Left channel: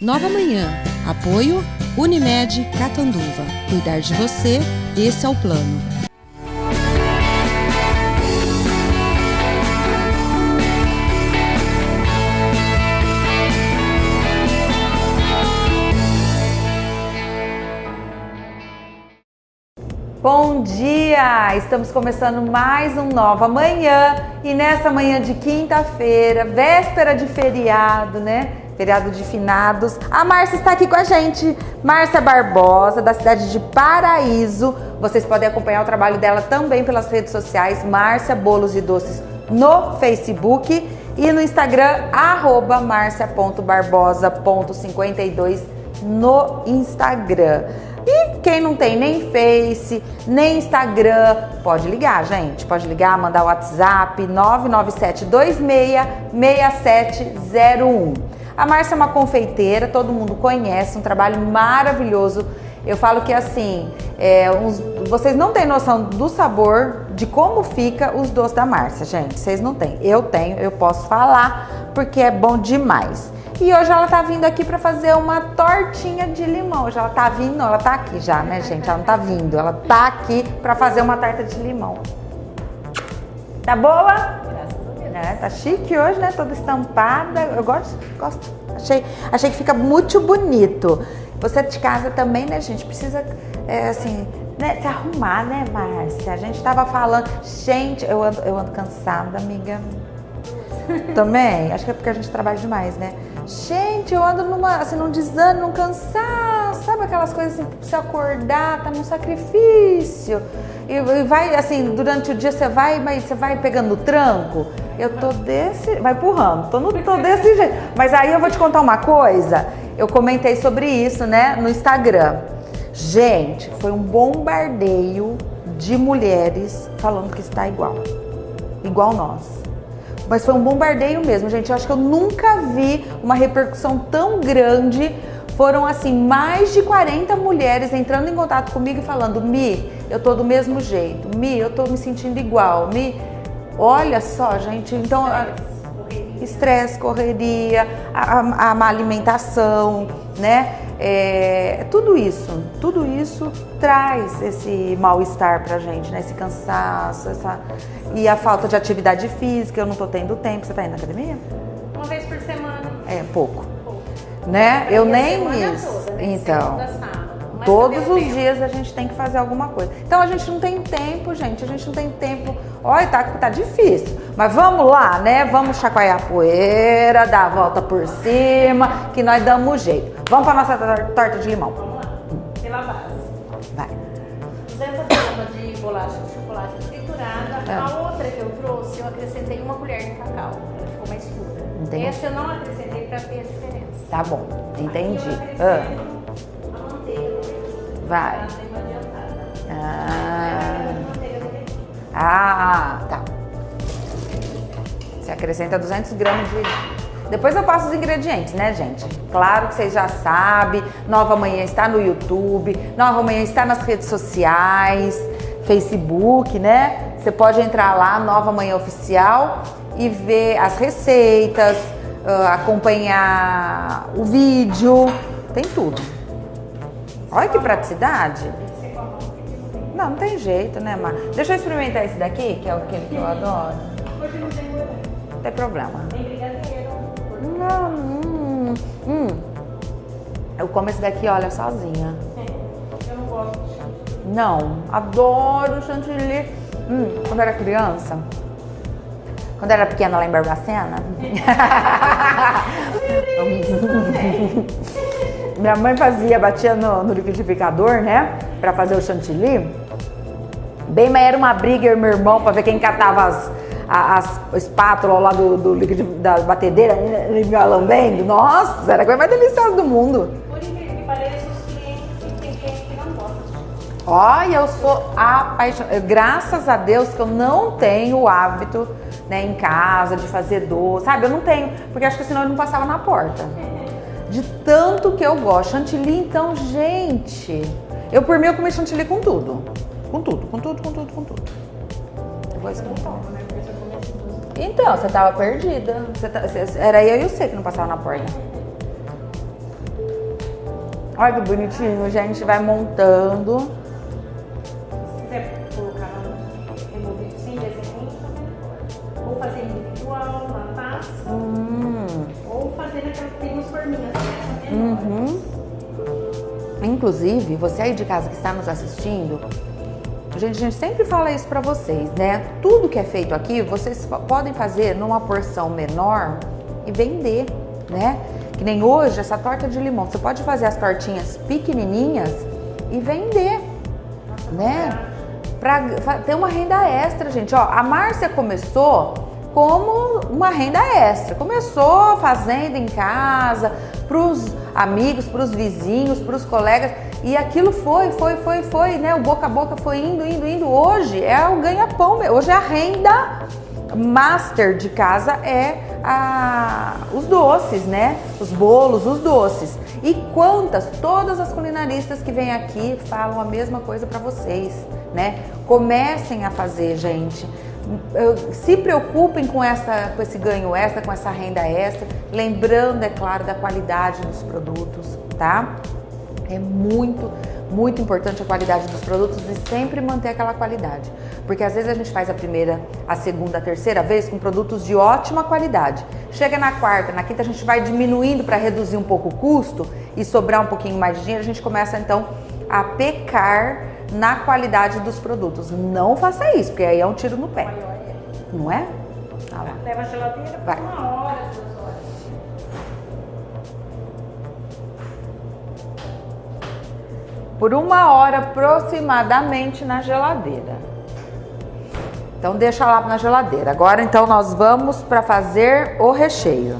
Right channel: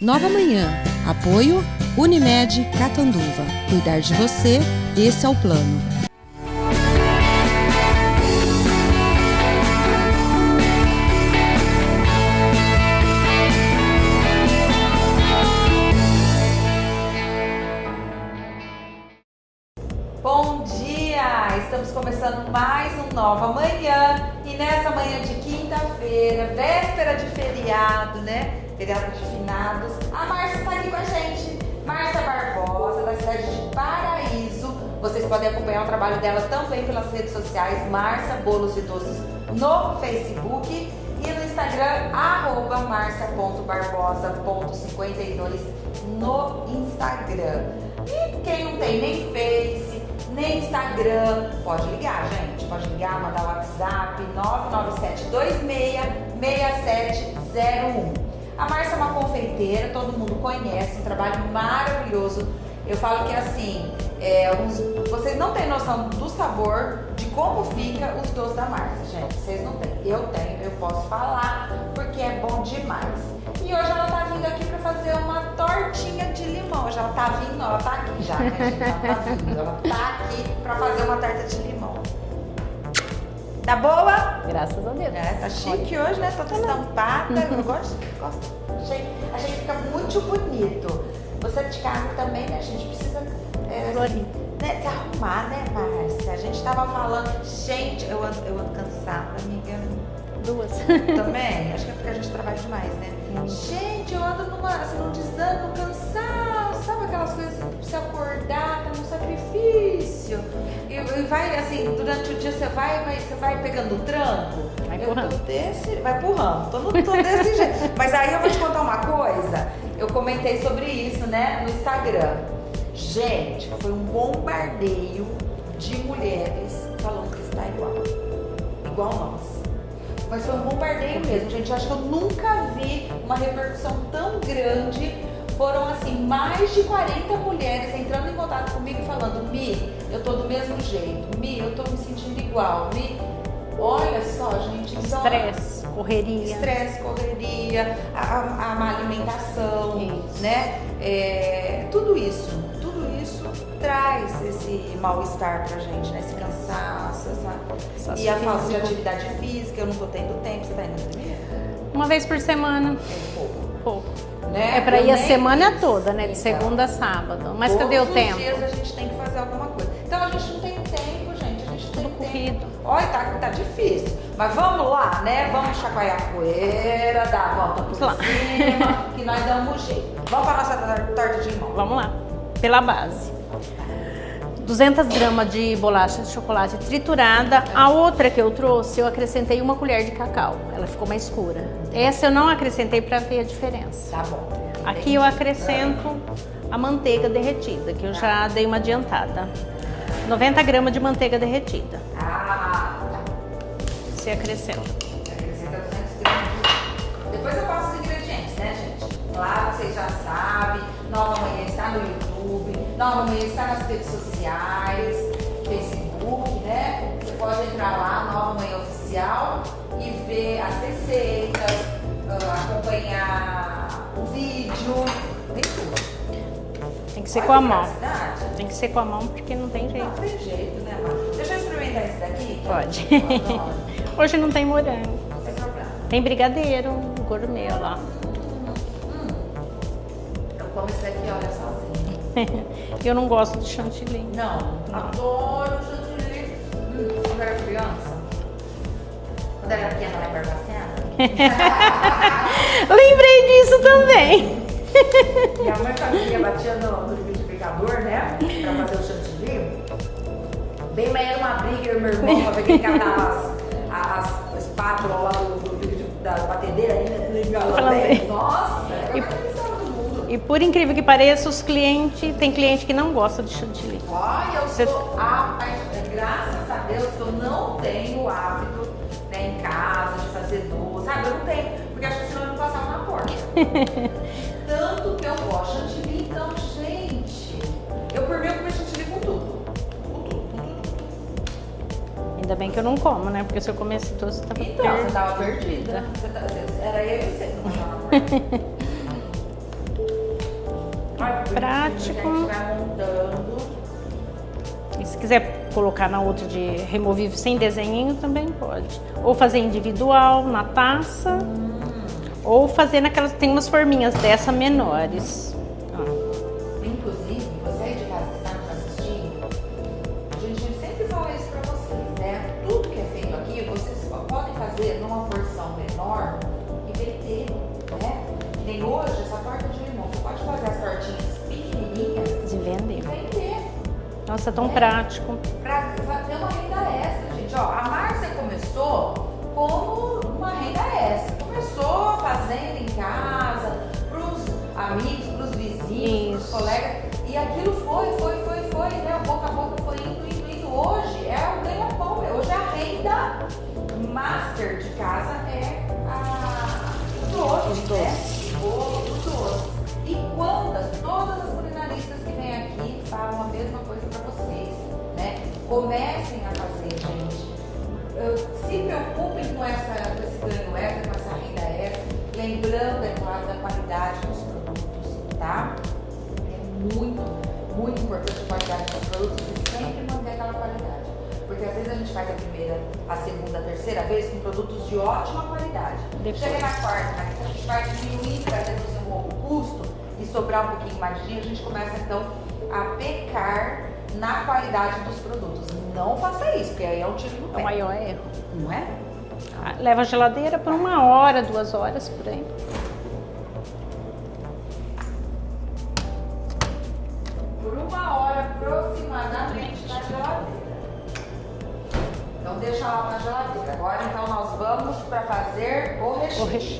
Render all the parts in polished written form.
Nova Manhã. Apoio Unimed Catanduva. Cuidar de você, esse é o plano. Bom dia! Estamos começando mais um Nova Manhã e nessa manhã de quinta-feira, véspera de feriado, né? Feriado de finados. A Márcia está aqui com a gente. Márcia Barbosa, da cidade de Paraíso. Vocês podem acompanhar o trabalho dela também pelas redes sociais. Márcia Bolos e Doces no Facebook e no Instagram, @marcia.barbosa.52 no Instagram. E quem não tem nem Face, nem Instagram, pode ligar, gente. Pode ligar, mandar o WhatsApp 997266701. A Márcia é uma confeiteira, todo mundo conhece, um trabalho maravilhoso. Eu falo que assim, vocês não têm noção do sabor, de como fica os doces da Márcia, gente. Vocês não têm. Eu tenho, eu posso falar, porque é bom demais. E hoje ela tá vindo aqui pra fazer uma tortinha de limão. Hoje ela tá vindo, ela tá aqui já, né, gente? Ela tá vindo, ela tá aqui pra fazer uma torta de limão. Tá boa? Graças a Deus. Tá chique hoje, né? Toda estampada. Eu gosto. Achei que fica muito bonito. Você de casa também, né, gente? Precisa, assim, né, se arrumar, né, Márcia? A gente tava falando... Gente, eu ando cansada, amiga. Também? Acho que é porque a gente trabalha demais, né? Gente, eu ando num desânimo, num cansaço, sabe aquelas coisas assim, que precisa acordar, tá num sacrifício. E vai, assim, durante o dia você vai pegando o tranco. Eu tô vai empurrando, tô desse jeito. Mas aí eu vou te contar uma coisa, eu comentei sobre isso, né, no Instagram. Gente, foi um bombardeio de mulheres falando que está igual nós. Mas foi um bombardeio mesmo, gente. Eu acho que eu nunca vi uma repercussão tão grande. Foram, assim, mais de 40 mulheres entrando em contato comigo e falando: Mi, eu tô do mesmo jeito. Mi, eu tô me sentindo igual. Mi, olha só, gente. Então, estresse, correria, a má alimentação, né? Tudo isso traz esse mal-estar pra gente, né? Esse cansaço, e a falta de atividade física. Eu não tô tendo tempo. Você tá indo na academia? Uma vez por semana. Pouco. Né? Eu ir nem a semana isso. toda, né? De Então, segunda a sábado. Mas todos cadê o os tempo? dias a gente tem que fazer alguma coisa. Então a gente não tem tempo, gente. A gente não tem tempo. Olha, tá difícil. Mas vamos lá, né? Vamos chacoalhar a poeira, dar a volta por cima, que nós damos jeito. Vamos pra nossa torta de limão. Vamos lá. Pela base. Vai. 200 gramas de bolacha de chocolate triturada. A outra que eu trouxe, eu acrescentei 1 colher de cacau. Ela ficou mais escura. Entendi. Essa eu não acrescentei pra ver a diferença. Tá bom. Entendi. Aqui eu acrescento a manteiga derretida, que eu já dei uma adiantada. 90 gramas de manteiga derretida. Tá. Você acrescenta. Você acrescenta 200 gramas de... Depois eu passo os ingredientes, né, gente? Claro, vocês já sabem. Nova Manhã está no YouTube. Nova Manhã está nas redes sociais. Facebook, né? Você pode entrar lá, Nova Manhã Oficial, e ver as receitas, acompanhar o vídeo. Tem tudo. Tem que ser Olha com que a mão. praticidade. Tem que ser com a mão, porque não tem jeito. Não tem jeito, né, Mar? Deixa eu experimentar esse daqui, que Pode. eu adoro. Hoje não tem morango. Não tem problema. Tem brigadeiro, gourmet, ó. Eu como esse daqui, olha, sozinha. Eu não gosto de chantilly. Não, adoro chantilly. Quando era criança, quando era pequena lá em Barbacena, Lembrei disso também. minha mãe batia no liquidificador, né, pra fazer o chantilly. Bem, mas era uma briga, eu e meu irmão, pra ver quem catava as espátulas lá da batedeira, engalambendo. Nossa, era a coisa mais deliciosa do mundo. E por incrível que pareça, tem cliente que não gosta de chantilly. Olha, eu sou apaixonada. Graças a Deus que eu não tenho o hábito, né, em casa de fazer doce, sabe? Eu não tenho, porque acho que senão eu não passava na porta. De tanto que eu gosto. Chantilly, então, gente, por mim eu comi chantilly com tudo. Com tudo. Ainda bem que eu não como, né? Porque se eu comesse tudo também. Então, você tava perdida. Era eu e você que não passava na porta. Olha que bonitinho, Prático. gente, vai montando. E se quiser colocar na outra de removível sem desenho, também pode. Ou fazer individual na taça, ou fazer naquelas, tem umas forminhas dessa menores. Inclusive, você aí de casa que está nos assistindo, a gente sempre fala isso pra vocês, né? Tudo que é feito aqui, vocês podem fazer numa porção menor e vender, né? Que nem hoje, essa torta de limão. Você pode fazer as tortinhas pequenininhas e vender. Nossa, tão né? prático. Pra ter uma renda extra, gente. Ó, a Márcia começou como uma renda extra. Começou fazendo em casa, pros amigos, pros vizinhos, pros colegas. E aquilo foi, né? O boca a boca foi indo. Hoje é o ganha-pão, hoje é a renda master de casa, é os doces, né? Os bolos, os doces. E todas as culinaristas que vêm aqui falam a mesma coisa para vocês, né? Comecem a fazer, gente. Se preocupem com esse ganho extra, com essa renda extra, lembrando, é claro, da qualidade dos produtos, tá? É muito importante a qualidade dos produtos e sempre manter aquela qualidade. Porque às vezes a gente faz a primeira, a segunda, a terceira vez com produtos de ótima qualidade. Chega na quarta, na quinta a gente vai diminuindo para reduzir um pouco o custo e sobrar um pouquinho mais de dinheiro, a gente começa então a pecar na qualidade dos produtos. Não faça isso, porque aí é um tiro no pé. Maior é. Não é? Leva a geladeira por 1 hora, 2 horas por aí. Por 1 hora aproximadamente na geladeira. Então deixa lá na geladeira. Agora então nós vamos para fazer o recheio.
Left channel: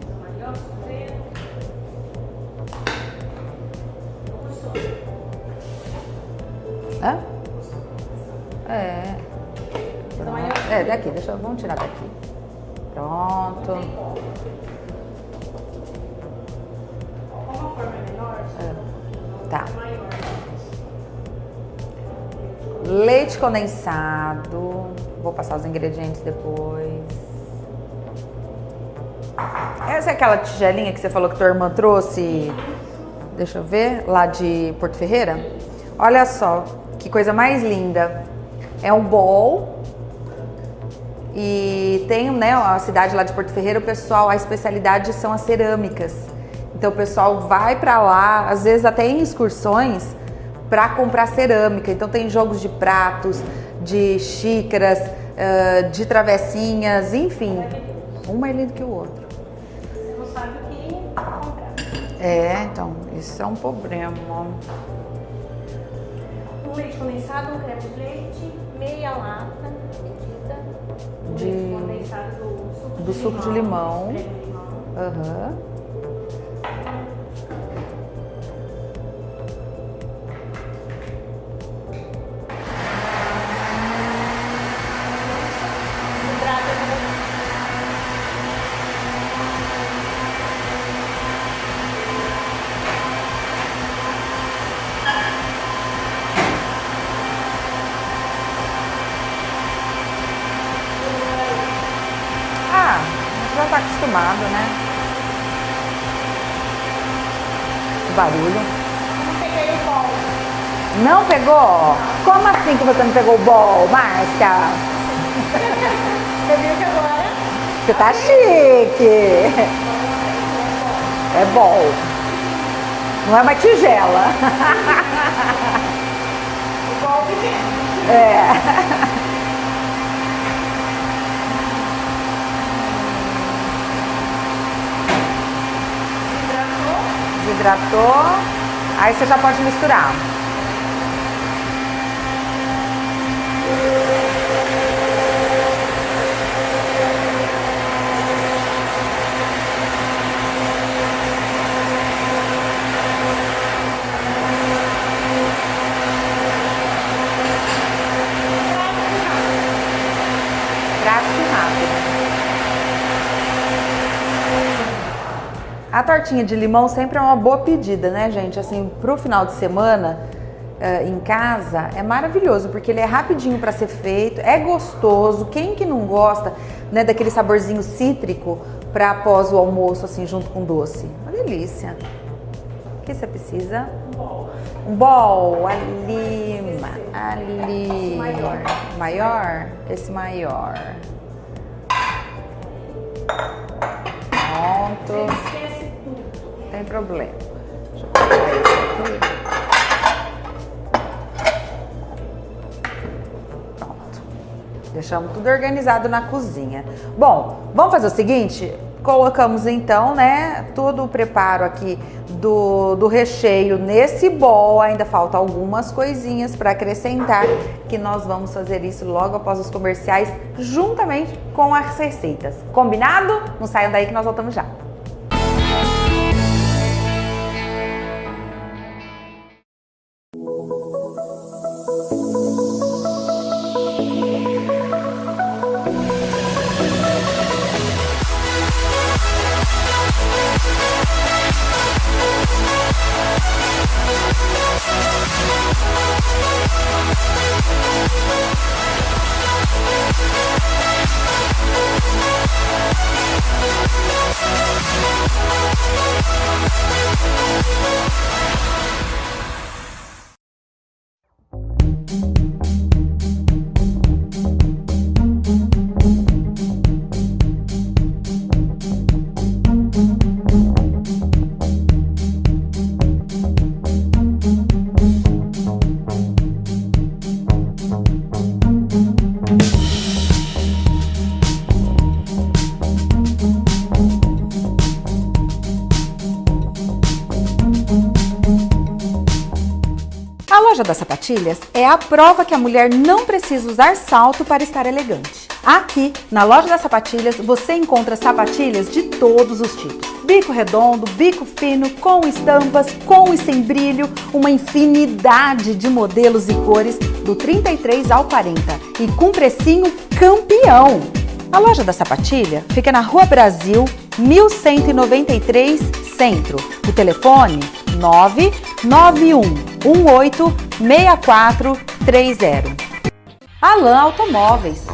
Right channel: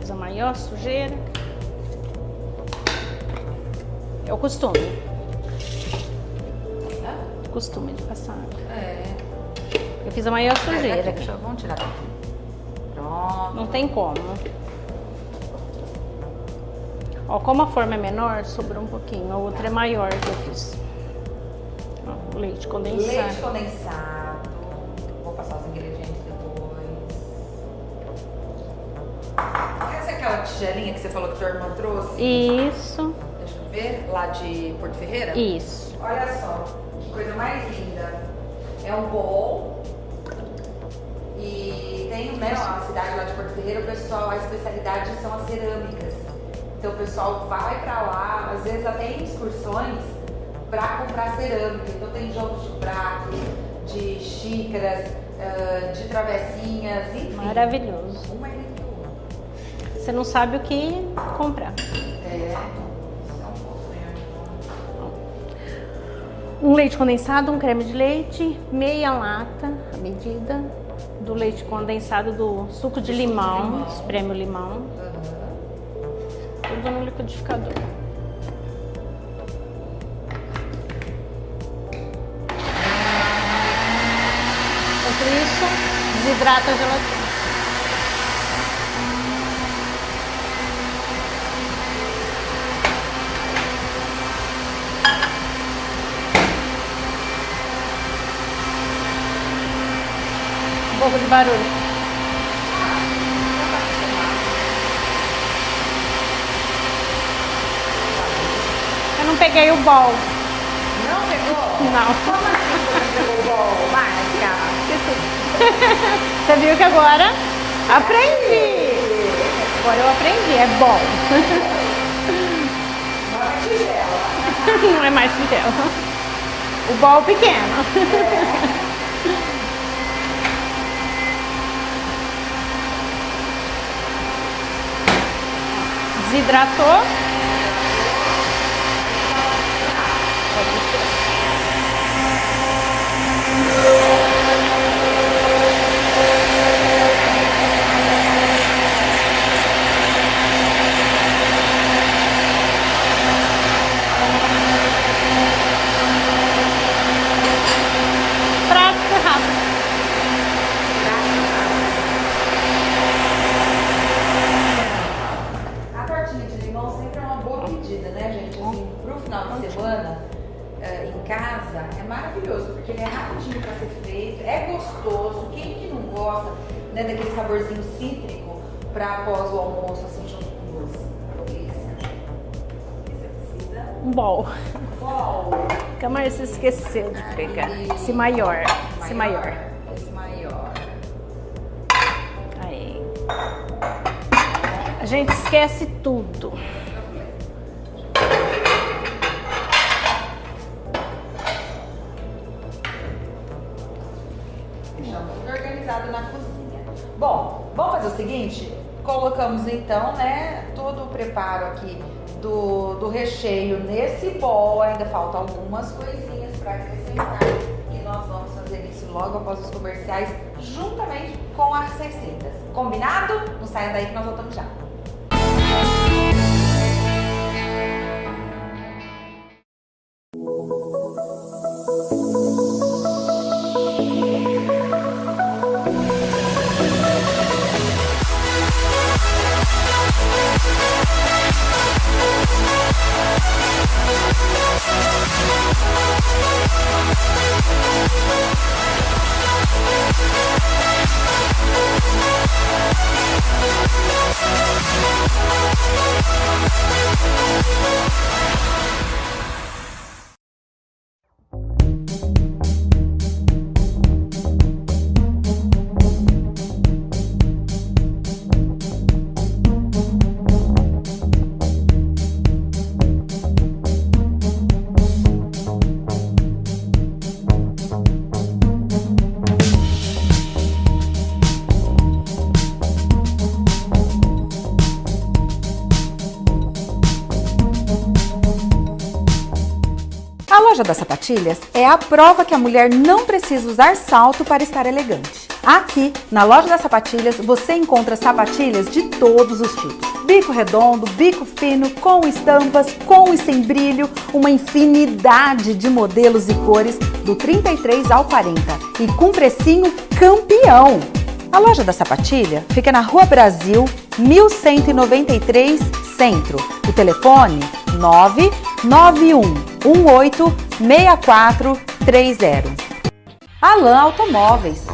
Fiz a maior sujeira. É o costume. Hã? Costume de passar. É. Eu fiz a maior sujeira. Vamos tirar daqui. Pronto. Não tem como. Ó, como a forma é menor, sobrou um pouquinho. A outra Tá. é maior que eu fiz. Ó, leite condensado. Leite condensado. Vou passar os ingredientes depois. Essa é aquela tigelinha que você falou que tua irmã trouxe? Isso. Deixa eu ver. Lá de Porto Ferreira? Isso. Olha só, que coisa mais linda. É um bowl. E tem, né, a cidade lá de Porto Ferreira, o pessoal, a especialidade são as cerâmicas. Então o pessoal vai pra lá, às vezes até em excursões, pra comprar cerâmica. Então tem jogos de pratos, de xícaras, de travessinhas, enfim. Maravilhoso. Um mais lindo que o outro. Você não sabe o que comprar. É, então, isso é um problema. Um leite condensado, um creme de leite, meia lata, a medida do leite condensado do suco de limão. Espreme o limão. Aham. Tudo no liquidificador. Enquanto isso, desidrata a gelatina. Um pouco de barulho. Ah, já tá acostumado, né? Barulho. Eu não peguei o bol. Não pegou? Não. Como assim que você não pegou o bol, Márcia? Você viu que agora Você tá chique. Agora eu aprendi, é bom. É bom. Não é uma tigela. Não é mais pequeno. O bol pequeno. É. Desidratou. Desidratou. Aí você já pode misturar. Prático rápido. Prático e rápido. A tortinha de limão sempre é uma boa pedida, né, gente? Assim, pro final de semana, em casa, é maravilhoso, porque ele é rapidinho para ser feito, é gostoso. Quem que não gosta, né, daquele saborzinho cítrico para após o almoço, assim, junto com doce? Uma delícia. Que que você precisa? Um bol. Um bol, ali. Nunca mais se esqueceu de pegar. Esse maior. Maior? Esse maior. Aí. Pronto. A gente esquece tudo. Não tem problema. Deixamos tudo organizado na cozinha. Bom, vamos fazer o seguinte? Colocamos então, né, todo o preparo aqui do recheio nesse bol. Ainda falta algumas coisinhas para acrescentar, que nós vamos fazer isso logo após os comerciais, juntamente com as receitas. Combinado? Não saiam daí que nós voltamos já. A loja das sapatilhas é a prova que a mulher não precisa usar salto para estar elegante. Aqui, na loja das sapatilhas, você encontra sapatilhas de todos os tipos. Bico redondo, bico fino, com estampas, com e sem brilho, uma infinidade de modelos e cores do 33 ao 40 e com precinho campeão. A loja da sapatilha fica na Rua Brasil, 1193, Centro. O telefone 991186430. Alan Automóveis.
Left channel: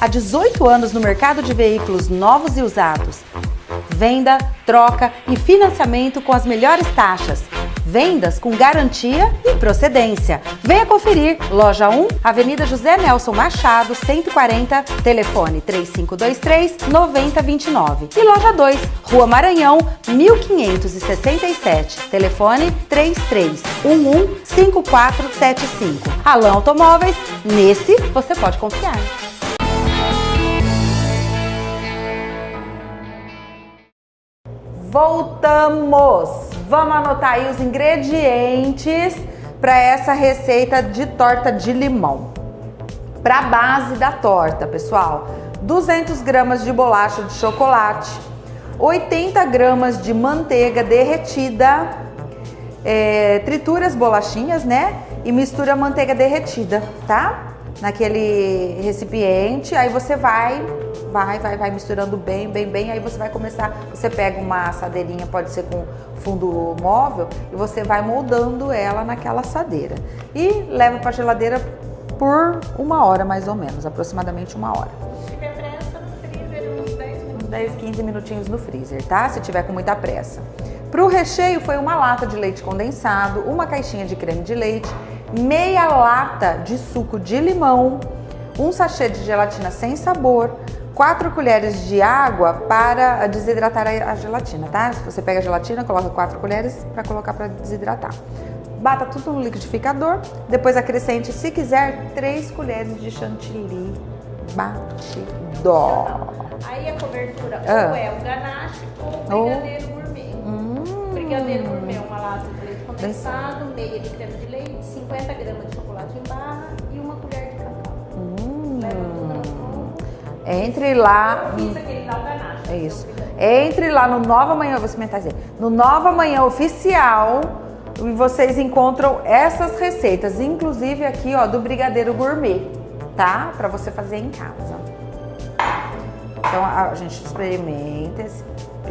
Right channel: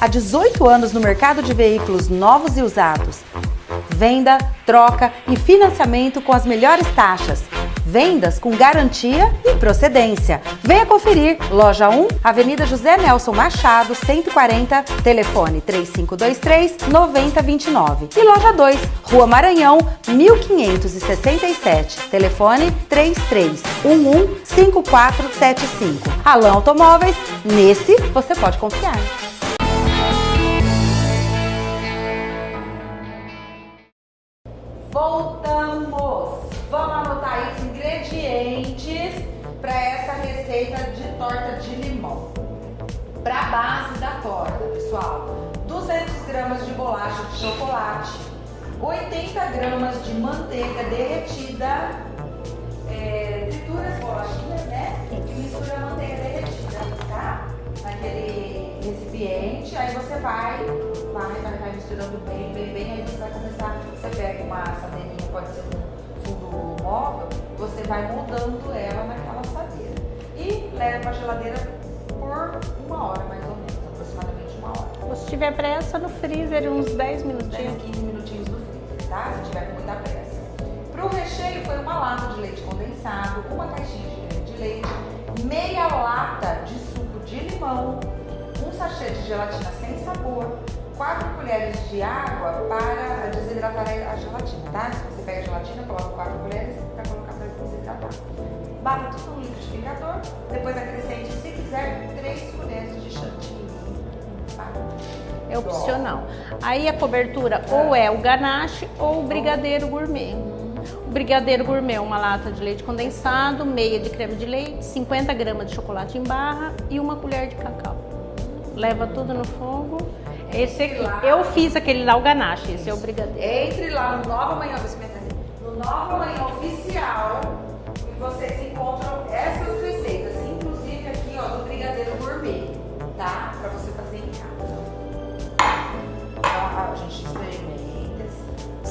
Há 18 anos no mercado de veículos novos e usados. Venda, troca e financiamento com as melhores taxas. Vendas com garantia e procedência. Venha conferir. Loja 1, Avenida José Nelson Machado, 140, telefone 3523-9029. E loja 2, Rua Maranhão, 1567, telefone 3311-5475. Alan Automóveis, nesse você pode confiar. Voltamos! Vamos anotar aí os ingredientes para essa receita de torta de limão. Para a base da torta, pessoal, 200 gramas de bolacha de chocolate, 80 gramas de manteiga derretida, tritura as bolachinhas, né? E mistura a manteiga derretida, tá? Naquele recipiente, aí você vai misturando bem, aí você vai começar, você pega uma assadeirinha, pode ser com fundo móvel, e você vai moldando ela naquela assadeira. E leva para a geladeira por 1 hora, mais ou menos, aproximadamente 1 hora. Se tiver pressa, no freezer, uns 10 minutos. 10, 15 minutinhos no freezer, tá? Se tiver com muita pressa. Para o recheio foi 1 lata de leite condensado, 1 caixinha de creme de leite, meia lata de suco de limão, 1 sachê de gelatina sem sabor, 4 colheres de água para desidratar a gelatina, tá? Você pega a gelatina, coloca 4 colheres para colocar para desidratar. Bata tudo no liquidificador, depois acrescente, se quiser, 3 colheres de chantilly batido. É opcional. Aí a cobertura ou é o ganache ou o brigadeiro gourmet. O brigadeiro gourmet, 1 lata de leite condensado, meia de creme de leite, 50 gramas de chocolate em barra e 1 colher de cacau. Leva tudo no fogo. Entre lá. Eu fiz aquele lá, o ganache, esse é o brigadeiro. Entre lá no Nova Manhã, vou experimentar dizer, no Nova Manhã Oficial, e vocês encontram essas receitas, inclusive aqui, ó, do brigadeiro gourmet, tá? Pra você fazer em casa. Então a gente experimenta esse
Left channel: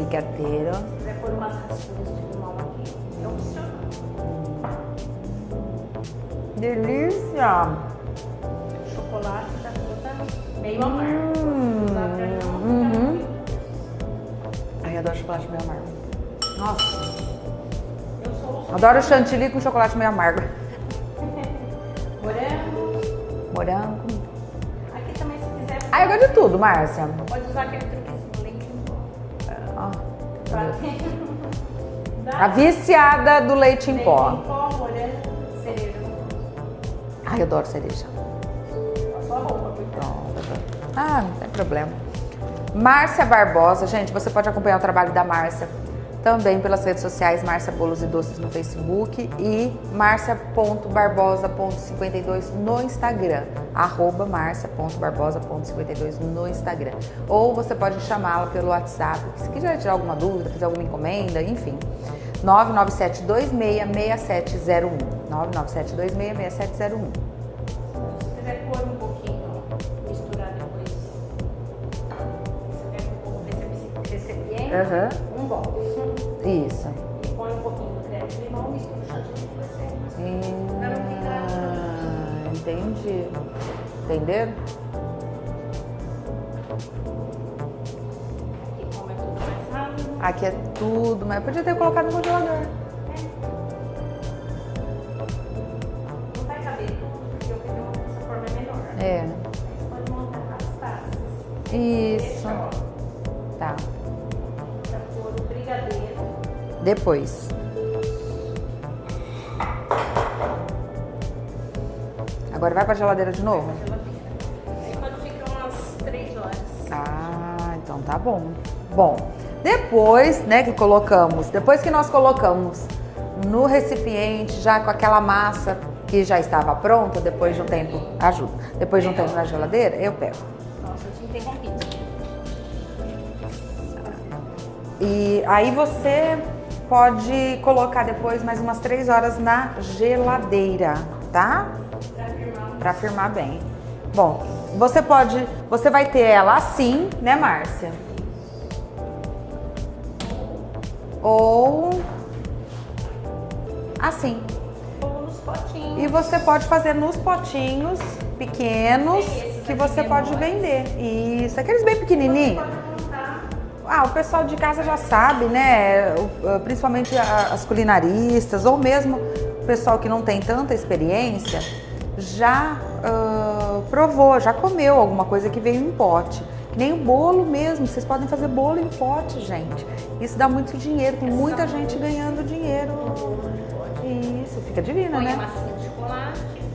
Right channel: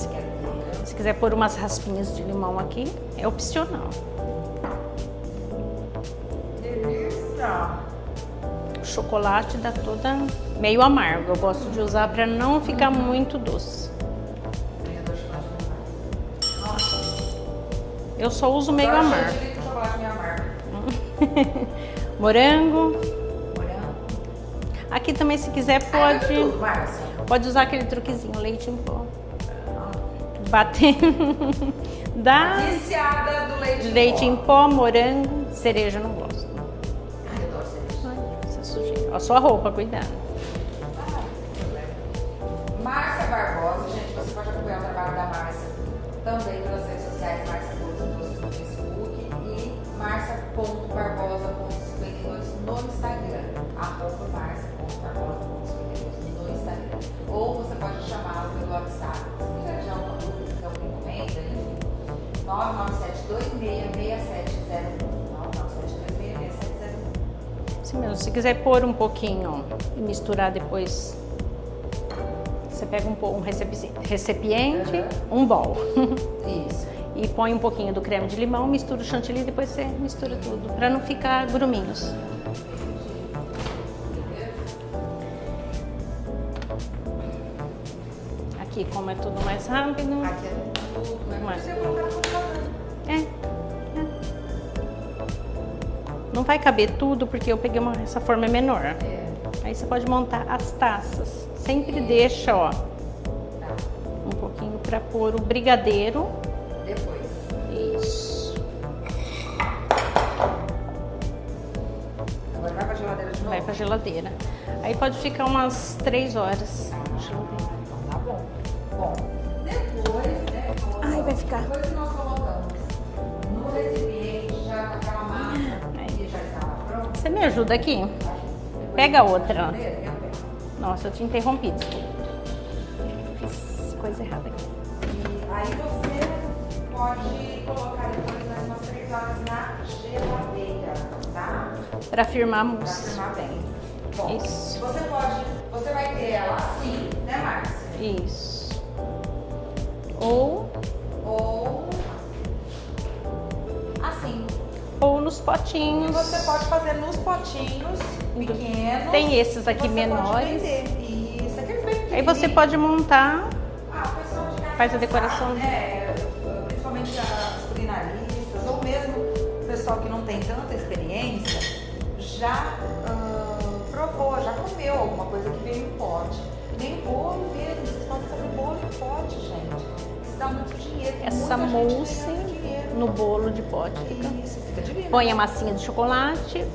brigadeiro. Se quiser pôr umas raspinhas de limão aqui, é opcional. Delícia! O chocolate dá toda meio amargo. Eu gosto de usar para não ficar muito doce. Ai, eu adoro chocolate meio amargo. Nossa! Eu só uso meio Adoro amargo. chantilly com chocolate meio amargo. Morango. Morango. Aqui também, se quiser, Ah, eu pode, gosto de tudo, Márcia. pode usar aquele truquezinho, leite em pó. Ah, Bater. a Dá viciada do leite em leite pó. em pó, morango, cereja eu não gosto. Ai, eu adoro cereja. Essa sujeira. A sua roupa, cuidado. Ah, não tem problema. Márcia Barbosa, gente, você pode acompanhar o trabalho da Márcia também pelas redes sociais, Márcia Bolos e Doces no Facebook e marcia.barbosa.52 no Instagram, @marcia.barbosa.52 no Instagram. Ou você pode chamá-la pelo WhatsApp, se quiser tirar alguma dúvida, fazer alguma encomenda, enfim. 997266701. 997266701. Assim mesmo. Se quiser pôr um pouquinho e misturar depois, você pega um recipiente, Aham. um bol. Isso. E põe um pouquinho do creme de limão, mistura o chantilly e depois você mistura tudo, pra não ficar gruminhos. Entendi. Entenderam? Aqui, como é tudo mais rápido. Aqui é tudo, mas podia ter colocado no congelador. É. Não vai caber tudo porque eu peguei essa forma menor. É, Aí você pode montar as taças. Sempre Isso. deixa, ó, tá. um pouquinho pra pôr o brigadeiro. Depois. Isso. Agora vai pra geladeira de Vai novo? pra geladeira. Aí pode ficar umas 3 horas. Ah, então tá bom. Bom, depois, né, que colocamos, depois que nós colocamos no recipiente, já com aquela massa que já estava pronta. Você me depois de um ajuda tempo- aqui? Ajudo. Depois Pega de um tempo na outra. geladeira, eu pego. Nossa, eu te interrompi. Fiz coisa errada aqui. E aí você pode colocar depois mais umas 3 horas na geladeira, tá? Pra firmar. Pra firmar bem. Bom, Isso. você vai ter ela assim, né, Márcia? Isso. Ou Assim. nos potinhos. E você pode fazer nos potinhos pequenos. Tem esses aqui que você menores. pode vender. Isso, aqueles bem Aí pequenininhos. você pode montar. Ah, o pessoal de casa Faz já a decoração. sabe, né? Principalmente as culinaristas, ou mesmo o pessoal que não tem tanta experiência, já provou, já comeu alguma coisa que veio em pote. Nem o bolo mesmo, vocês podem fazer bolo em pote, gente. Isso dá muito dinheiro, tem Essa muita gente mousse ganhando dinheiro. no bolo de pote. Isso, fica divino, Põe né? a massinha de chocolate,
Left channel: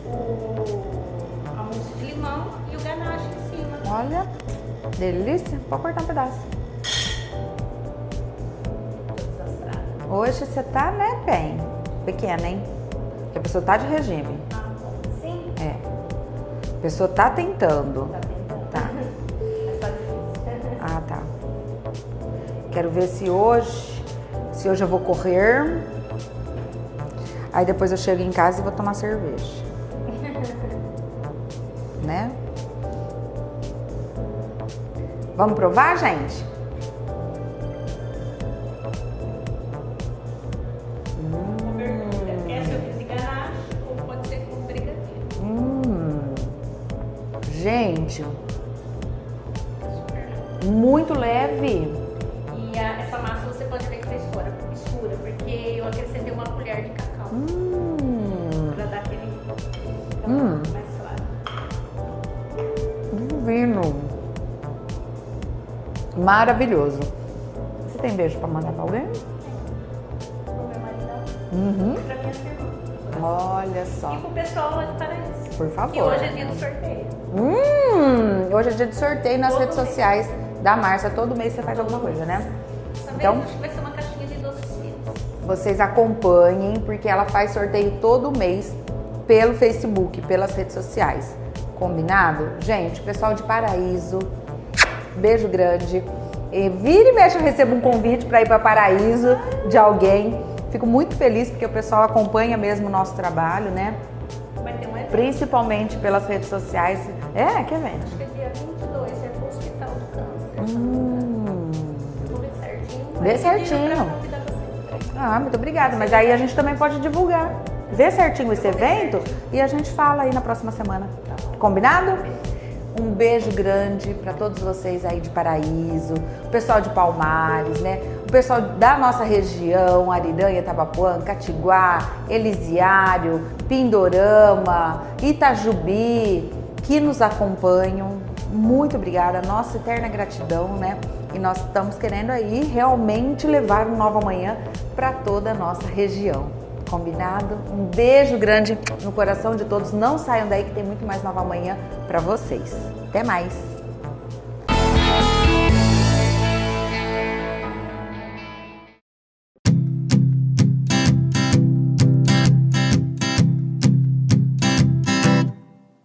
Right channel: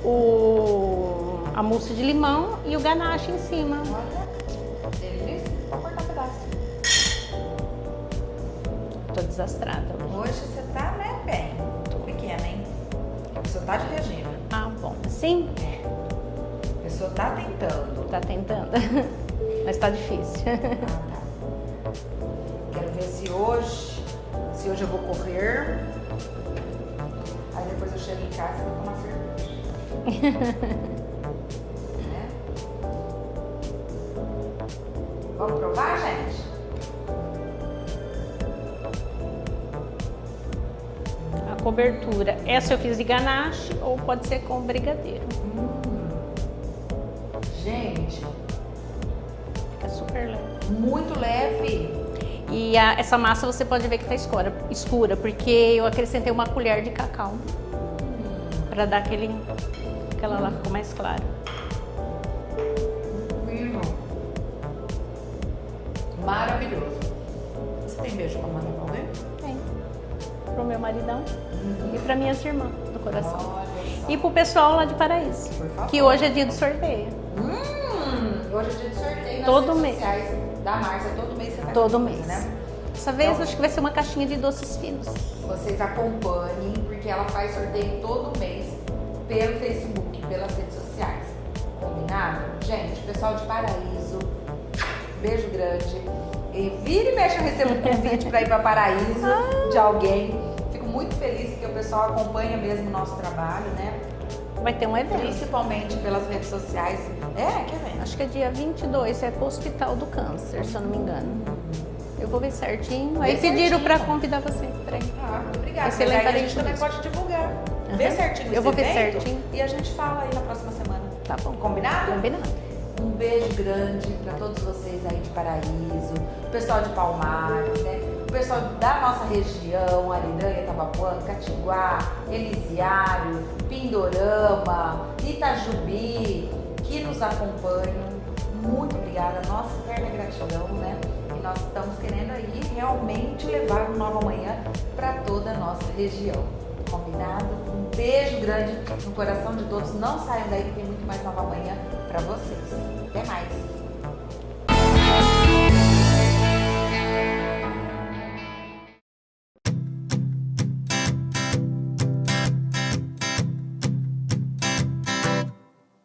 a mousse de limão e o ganache em cima. Olha, delícia. Pode cortar um pedaço. Tô desastrada. Hoje você tá, né, bem. Pequena, hein? A pessoa tá de regime. Ah, bom. Sim, É. A pessoa tá tentando. tá tentando. Mas tá difícil. Ah, tá. Quero ver se hoje eu vou correr. Aí depois eu chego em casa e vou tomar cerveja. Né? Vamos provar, gente? A cobertura. Essa eu fiz de ganache ou pode ser com brigadeiro. Gente, Fica super leve. muito leve. E essa massa você pode ver que tá escura, porque eu acrescentei uma colher de cacau pra dar aquela ela ficou mais clara. Divino. Maravilhoso. Você tem beijo pra mandar pra alguém? Tem. Pro meu maridão Uhum. e pra minhas irmãs do coração. Olha só. E pro pessoal lá de Paraíso. Por favor. Que hoje é dia do sorteio. Hoje é dia de sorteio nas Todo redes mês. sociais da Márcia. Todo mês você faz Todo alguma coisa, mês. né? Dessa vez Então- acho que vai ser uma caixinha de doces finos. Vocês acompanhem, porque ela faz sorteio todo mês pelo Facebook, pelas redes sociais. Combinado? Gente, pessoal de Paraíso, beijo grande. E vira e mexe eu recebo um convite para ir para Paraíso de alguém. Fico muito feliz porque o pessoal acompanha mesmo o nosso trabalho, né? Vai ter um evento. Principalmente pelas redes sociais. É, que evento? Acho que é dia 22, é pro Hospital do Câncer, se eu não me engano. Eu vou ver certinho. Vê Aí pediram certinho. pra convidar você. Peraí. Ah, muito obrigada. Você Mas aí a lembra gente disso? também pode divulgar. Vê certinho Eu esse vou ver evento certinho. e a gente fala aí na próxima semana. Tá bom. Combinado? Combinado. Um beijo grande para todos vocês aí de Paraíso, o pessoal de Palmares, né? o pessoal da nossa região, Ariranha, Tabapuã, Catiguá, Elisiário, Pindorama, Itajubi, que nos acompanham. Muito obrigada, nossa eterna gratidão, né? E nós estamos querendo aí realmente levar um Nova Manhã para toda a nossa região. Combinado? Um beijo grande no coração de todos. Não saiam daí que tem muito mais Nova Manhã para vocês. Até mais!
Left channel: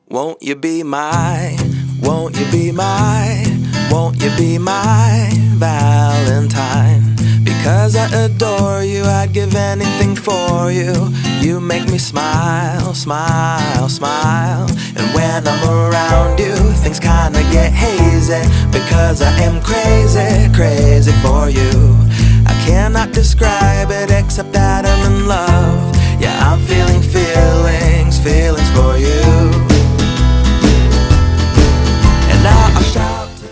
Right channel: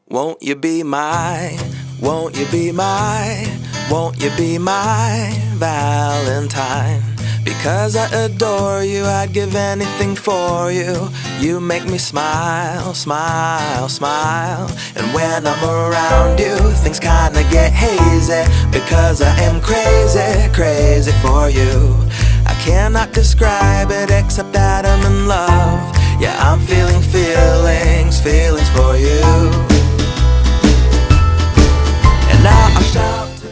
Won't you be my, won't you be my, won't you be my Valentine? Because I adore you, I'd give anything for you. You make me smile, smile, smile. And when I'm around you, things kinda get hazy. Because I am crazy, crazy for you. I cannot describe it except that I'm in love. Yeah, I'm feeling feelings, feelings for you. And now I'll shout to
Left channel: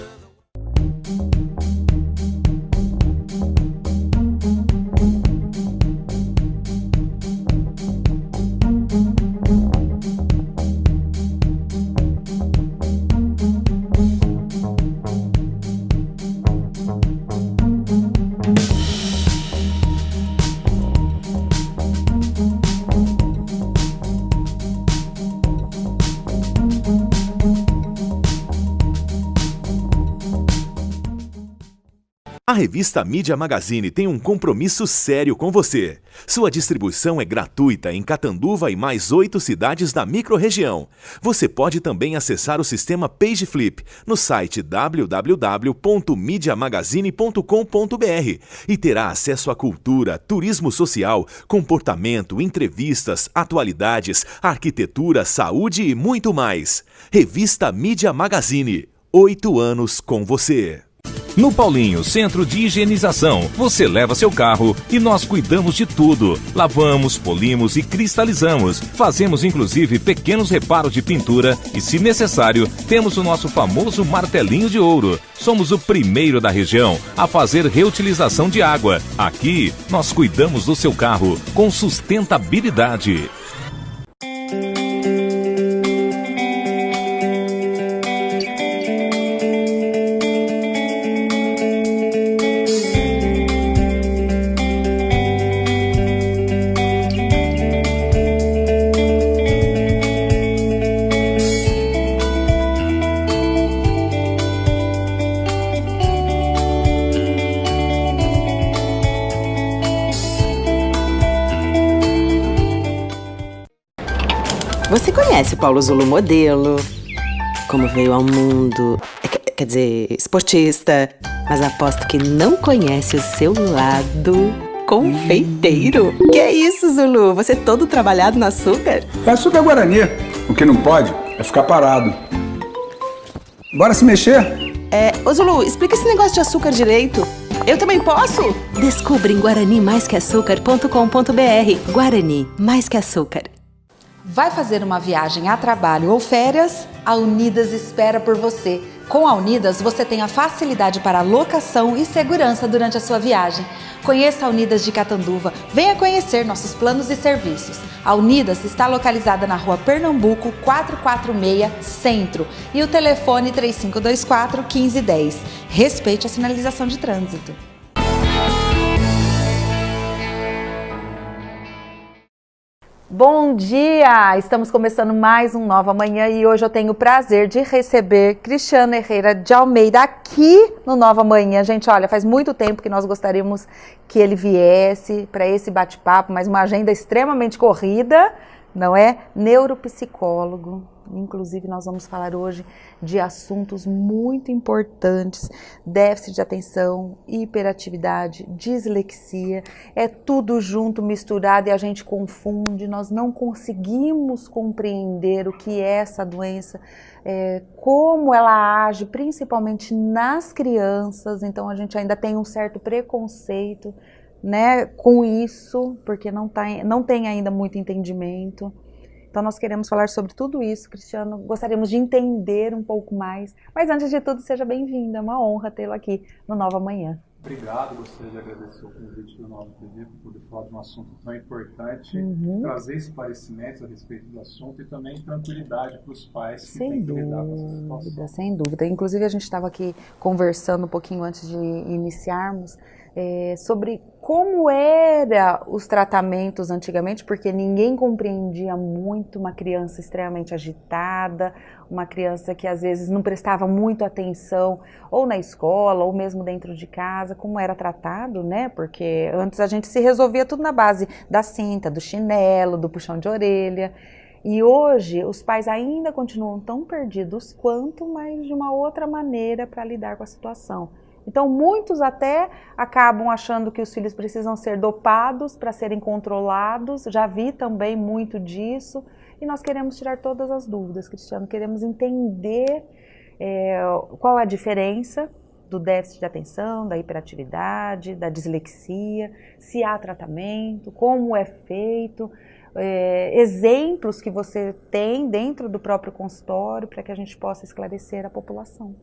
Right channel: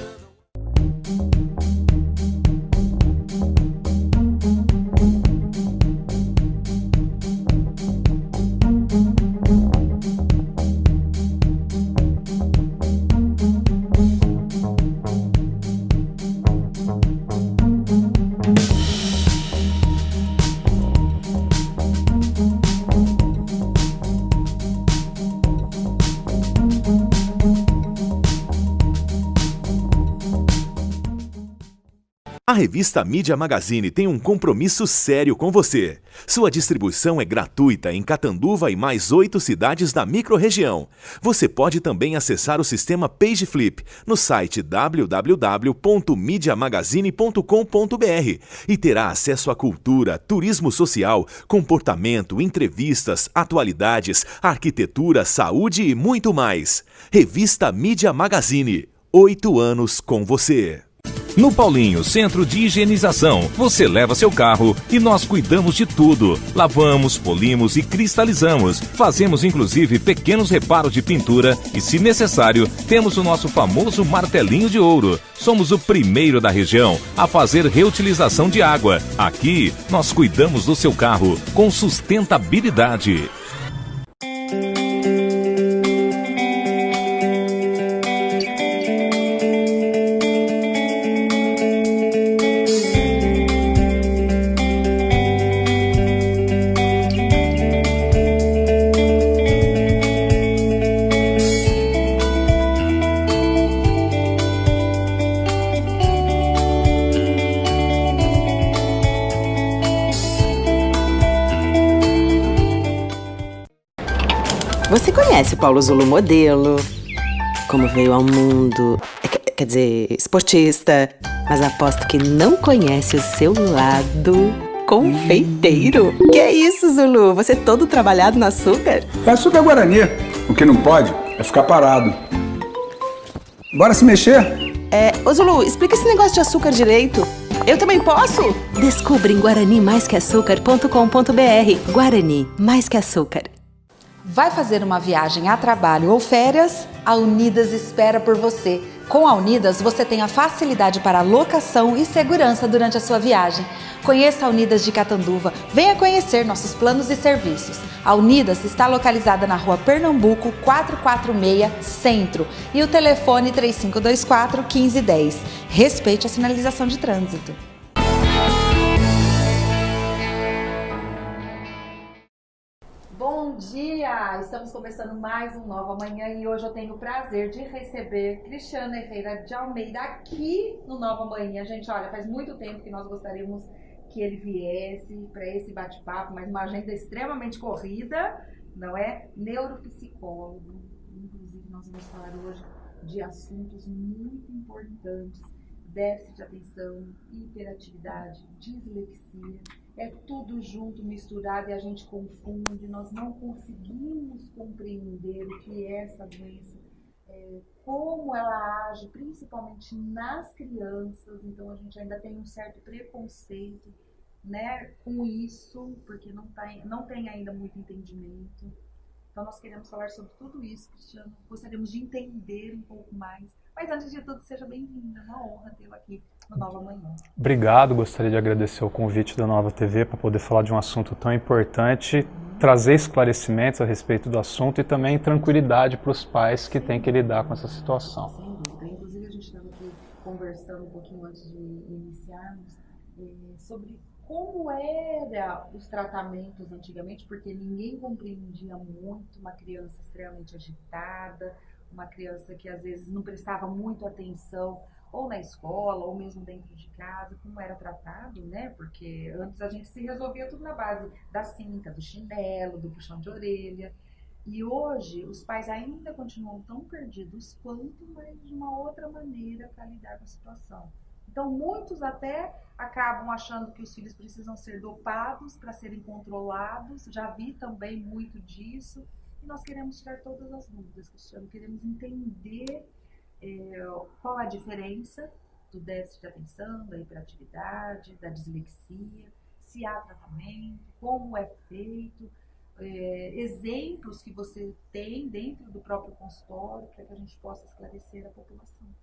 A revista Mídia Magazine tem um compromisso sério com você. Sua distribuição é gratuita em Catanduva e mais 8 cidades da microrregião. Você pode também acessar o sistema PageFlip no site www.mediamagazine.com.br e terá acesso à cultura, turismo social, comportamento, entrevistas, atualidades, arquitetura, saúde e muito mais. Revista Mídia Magazine. 8 anos com você. No Paulinho Centro de Higienização, você leva seu carro e nós cuidamos de tudo. Lavamos, polimos e cristalizamos. Fazemos inclusive pequenos reparos de pintura e, se necessário, temos o nosso famoso martelinho de ouro. Somos o primeiro da região a fazer reutilização de água. Aqui, nós cuidamos do seu carro com sustentabilidade. Você conhece o Paulo Zulu modelo, como veio ao mundo, quer dizer, esportista, mas aposto que não conhece o seu lado confeiteiro. Que é isso, Zulu? Você todo trabalhado no açúcar? É açúcar Guarani. O que não pode é ficar parado. Bora se mexer? Ô Zulu, explica esse negócio de açúcar direito. Eu também posso? Descubra em guaranimaisqueaçúcar.com.br. Guarani, mais que açúcar. Vai fazer uma viagem a trabalho ou férias? A Unidas espera por você. Com a Unidas, você tem a facilidade para locação e segurança durante a sua viagem. Conheça a Unidas de Catanduva. Venha conhecer nossos planos e serviços. A Unidas está localizada na Rua Pernambuco, 446, Centro. E o telefone 3524-1510. Respeite a sinalização de trânsito. Bom dia! Estamos começando mais um Nova Manhã e hoje eu tenho o prazer de receber Cristiano Herrera de Almeida aqui no Nova Manhã. Gente, olha, faz muito tempo que nós gostaríamos que ele viesse para esse bate-papo, mas uma agenda extremamente corrida, não é? Neuropsicólogo. Inclusive, nós vamos falar hoje de assuntos muito importantes, déficit de atenção, hiperatividade, dislexia, é tudo junto, misturado e a gente confunde, nós não conseguimos compreender o que é essa doença, como ela age, principalmente nas crianças, então a gente ainda tem um certo preconceito, né, com isso, porque não tem ainda muito entendimento. Então nós queremos falar sobre tudo isso, Cristiano, gostaríamos de entender um pouco mais. Mas antes de tudo, seja bem-vindo, é uma honra tê-lo aqui no Nova Manhã. Obrigado, gostaria de agradecer o convite da Nova TV para poder falar de um assunto tão importante, trazer esclarecimentos a respeito do assunto e também tranquilidade para os pais que têm que lidar com essa situação. Sem dúvida, inclusive a gente estava aqui conversando um pouquinho antes de iniciarmos, sobre como eram os tratamentos antigamente, porque ninguém compreendia muito uma criança extremamente agitada, uma criança que às vezes não prestava muito atenção, ou na escola, ou mesmo dentro de casa, como era tratado, né? Porque antes a gente se resolvia tudo na base da cinta, do chinelo, do puxão de orelha. E hoje os pais ainda continuam tão perdidos quanto, mas de uma outra maneira para lidar com a situação. Então, muitos até acabam achando que os filhos precisam ser dopados para serem controlados. Já vi também muito disso. E nós queremos tirar todas as dúvidas, Cristiano. Queremos entender qual a diferença do déficit de atenção, da hiperatividade, da dislexia, se há tratamento, como é feito, exemplos que você tem dentro do próprio consultório para que a gente possa esclarecer a população.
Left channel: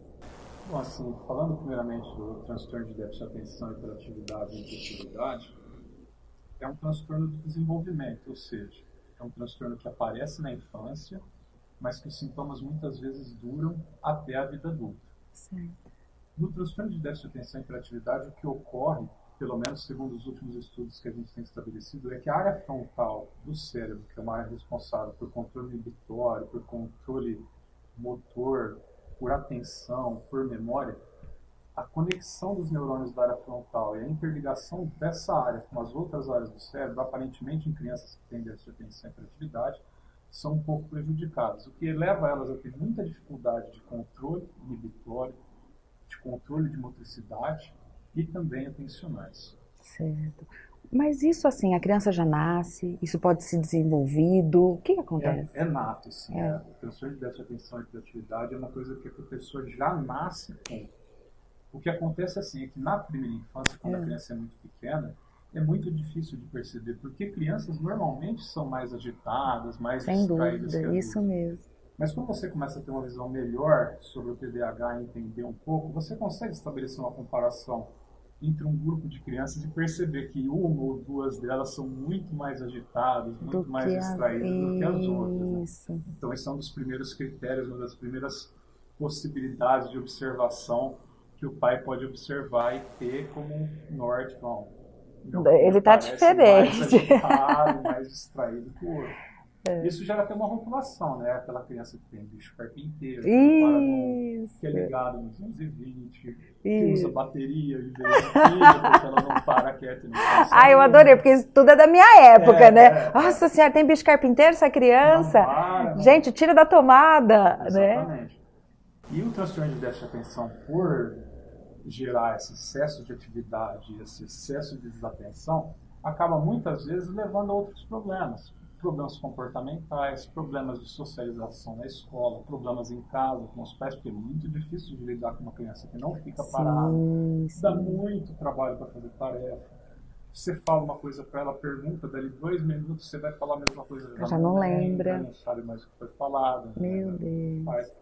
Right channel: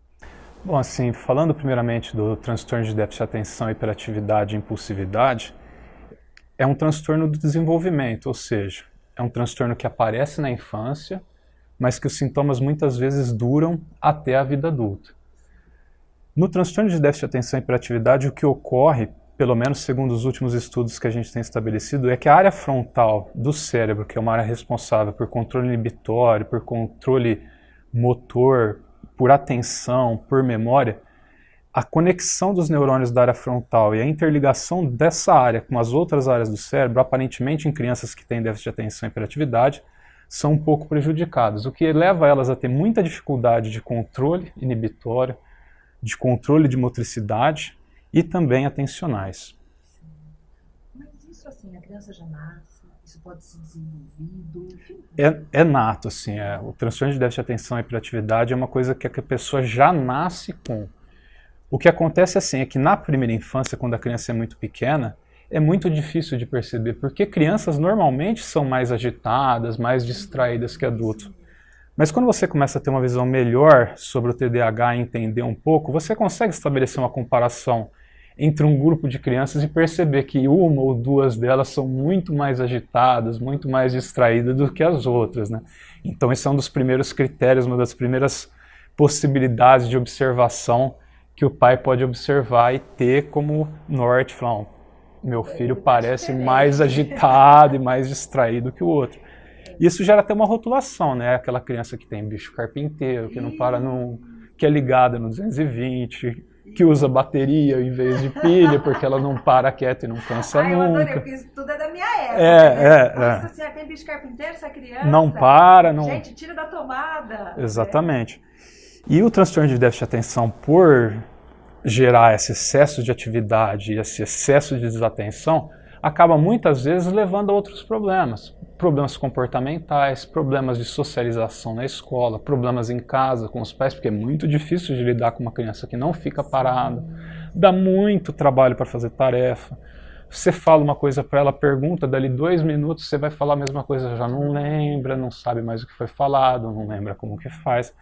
Bom, assim, falando primeiramente do transtorno de déficit de atenção, hiperatividade e impulsividade, é um transtorno do desenvolvimento, ou seja, é um transtorno que aparece na infância, mas que os sintomas muitas vezes duram até a vida adulta. Sim. No transtorno de déficit de atenção e hiperatividade, o que ocorre, pelo menos segundo os últimos estudos que a gente tem estabelecido, é que a área frontal do cérebro, que é uma área responsável por controle inibitório, por controle motor, por atenção, por memória, a conexão dos neurônios da área frontal e a interligação dessa área com as outras áreas do cérebro, aparentemente em crianças que têm déficit de atenção e hiperatividade, são um pouco prejudicadas, o que leva elas a ter muita dificuldade de controle inibitório, de controle de motricidade e também atencionais. Certo. Mas isso assim, a criança já nasce, isso pode ser desenvolvido, o que acontece? É nato, assim, o transtorno de déficit de atenção e hiperatividade é uma coisa que a pessoa já nasce com. O que acontece assim, é que na primeira infância, quando a criança é muito pequena, é muito difícil de perceber, porque crianças normalmente são mais agitadas, mais distraídas que adultos. Isso mesmo. Mas quando você começa a ter uma visão melhor sobre o TDAH e entender um pouco, você consegue estabelecer uma comparação entre um grupo de crianças e perceber que uma ou duas delas são muito mais agitadas, muito mais distraídas do que as outras, né? Então esse é um dos primeiros critérios, uma das primeiras possibilidades de observação que o pai pode observar e ter como norte, falar, meu filho parece mais agitado e mais distraído que o outro. Isso gera até uma rotulação, né? Aquela criança que tem bicho carpinteiro, que não para que é ligada no 220, que usa bateria em vez de pilha, porque ela não para quieta e não cansa nunca. Eu adorei, porque isso tudo é da minha época, né? Nossa senhora, tem bicho carpinteiro essa criança? Não para, não... Gente, tira da tomada. Exatamente. Né? E o transtorno de déficit de atenção, por gerar esse excesso de atividade e esse excesso de desatenção, acaba muitas vezes levando a outros problemas. Problemas comportamentais, problemas de socialização na escola, problemas em casa com os pais, porque é muito difícil de lidar com uma criança que não fica parada, dá muito trabalho para fazer tarefa. Você fala uma coisa para ela, pergunta, dali 2 minutos você vai falar a mesma coisa, já não lembra, não sabe mais o que foi falado, não lembra como que faz.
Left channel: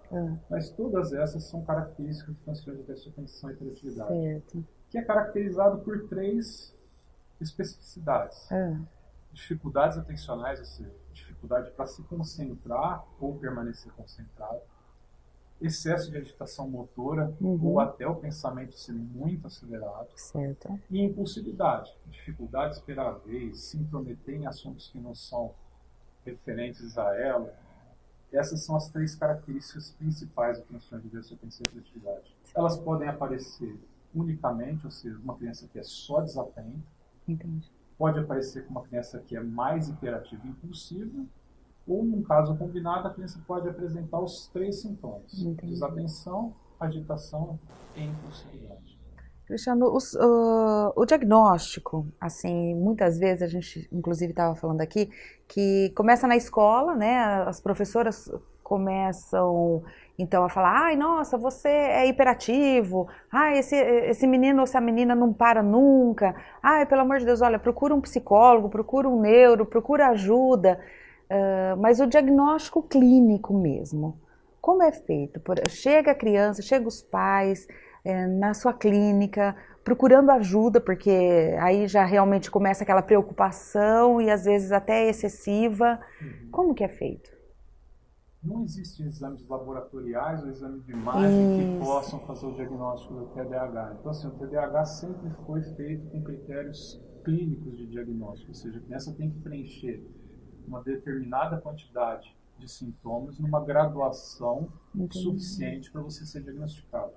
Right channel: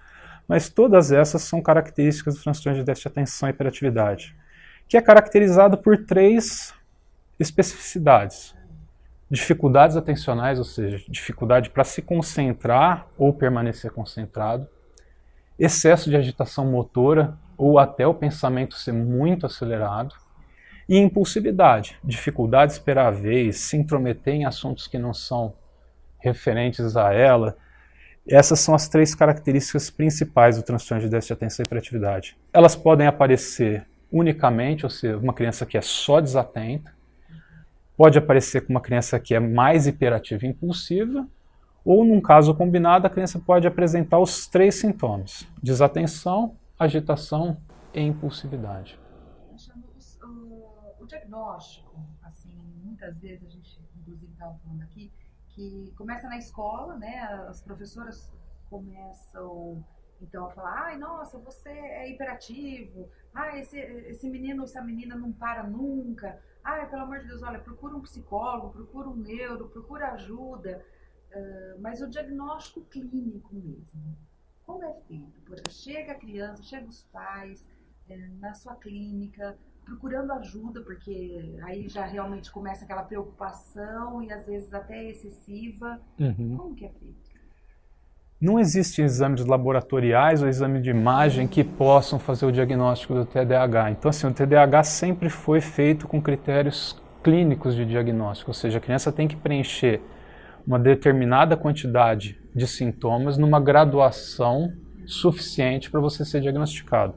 Mas todas essas são características do transtorno de déficit de atenção e hiperatividade, que é caracterizado por 3 especificidades. Dificuldades atencionais, ou seja, dificuldade para se concentrar ou permanecer concentrado, excesso de agitação motora ou até o pensamento ser muito acelerado, e impulsividade, dificuldade de esperar a vez, se intrometer em assuntos que não são referentes a ela. Essas são as 3 características principais do transtorno de déficit de atenção e hiperatividade. Elas podem aparecer unicamente, ou seja, uma criança que é só desatenta, pode aparecer com uma criança que é mais hiperativa e impulsiva, ou num caso combinado, a criança pode apresentar os 3 sintomas: desatenção, agitação e impulsividade. Cristiano, o diagnóstico, assim, muitas vezes a gente, inclusive, estava falando aqui, que começa na escola, né? As professoras começam, então, a falar, ai, nossa, você é hiperativo, ai, esse menino ou essa menina não para nunca, ai, pelo amor de Deus, olha, procura um psicólogo, procura um neuro, procura ajuda. Mas o diagnóstico clínico mesmo, como é feito? Chega a criança, chega os pais na sua clínica, procurando ajuda, porque aí já realmente começa aquela preocupação e às vezes até excessiva. Como que é feito? Não existem exames laboratoriais ou exame de imagem que possam fazer o diagnóstico do TDAH. Então, assim, o TDAH sempre foi feito com critérios clínicos de diagnóstico, ou seja, a criança tem que preencher uma determinada quantidade de sintomas numa graduação suficiente para você ser diagnosticado.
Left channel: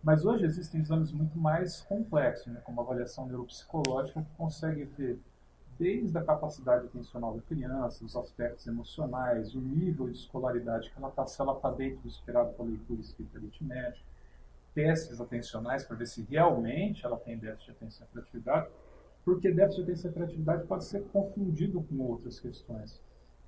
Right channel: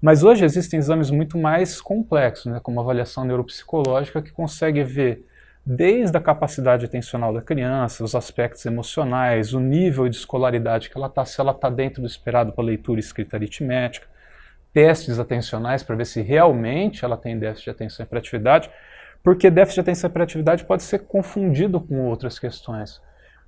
Mas hoje existem exames muito mais complexos, né, como a avaliação neuropsicológica, que consegue ver desde a capacidade atencional da criança, os aspectos emocionais, o nível de escolaridade que ela está, se ela está dentro do esperado para leitura e escrita aritmética, testes atencionais para ver se realmente ela tem déficit de atenção e hiperatividade, porque déficit de atenção e hiperatividade pode ser confundido com outras questões,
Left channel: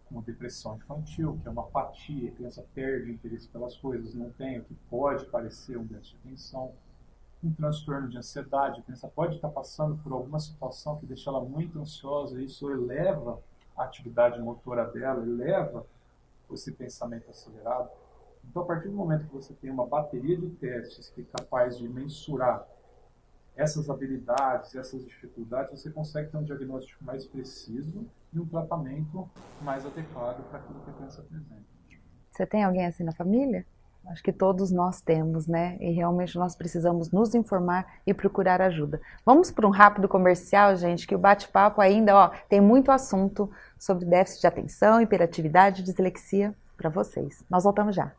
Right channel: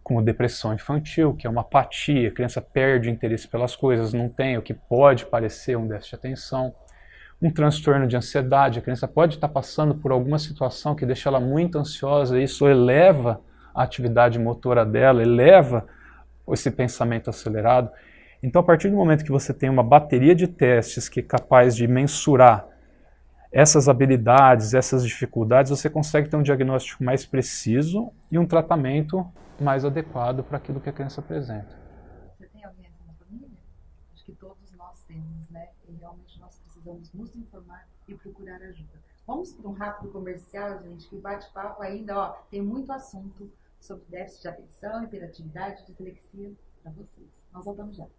como depressão infantil, que é uma apatia, a criança perde o interesse pelas coisas, não tem o que pode parecer um déficit de atenção. Um transtorno de ansiedade, a criança pode estar passando por alguma situação que deixa ela muito ansiosa, e isso eleva a atividade motora dela, eleva esse pensamento acelerado. Então, a partir do momento que você tem uma bateria de testes que é capaz de mensurar essas habilidades, essas dificuldades, você consegue ter um diagnóstico mais preciso e um tratamento mais adequado para aquilo que a criança apresenta. Você tem alguém assim na família? Acho que todos nós temos, né? E realmente nós precisamos nos informar e procurar ajuda. Vamos para um rápido comercial, gente, que o bate-papo ainda, tem muito assunto sobre déficit de atenção, hiperatividade e dislexia para vocês. Nós voltamos já.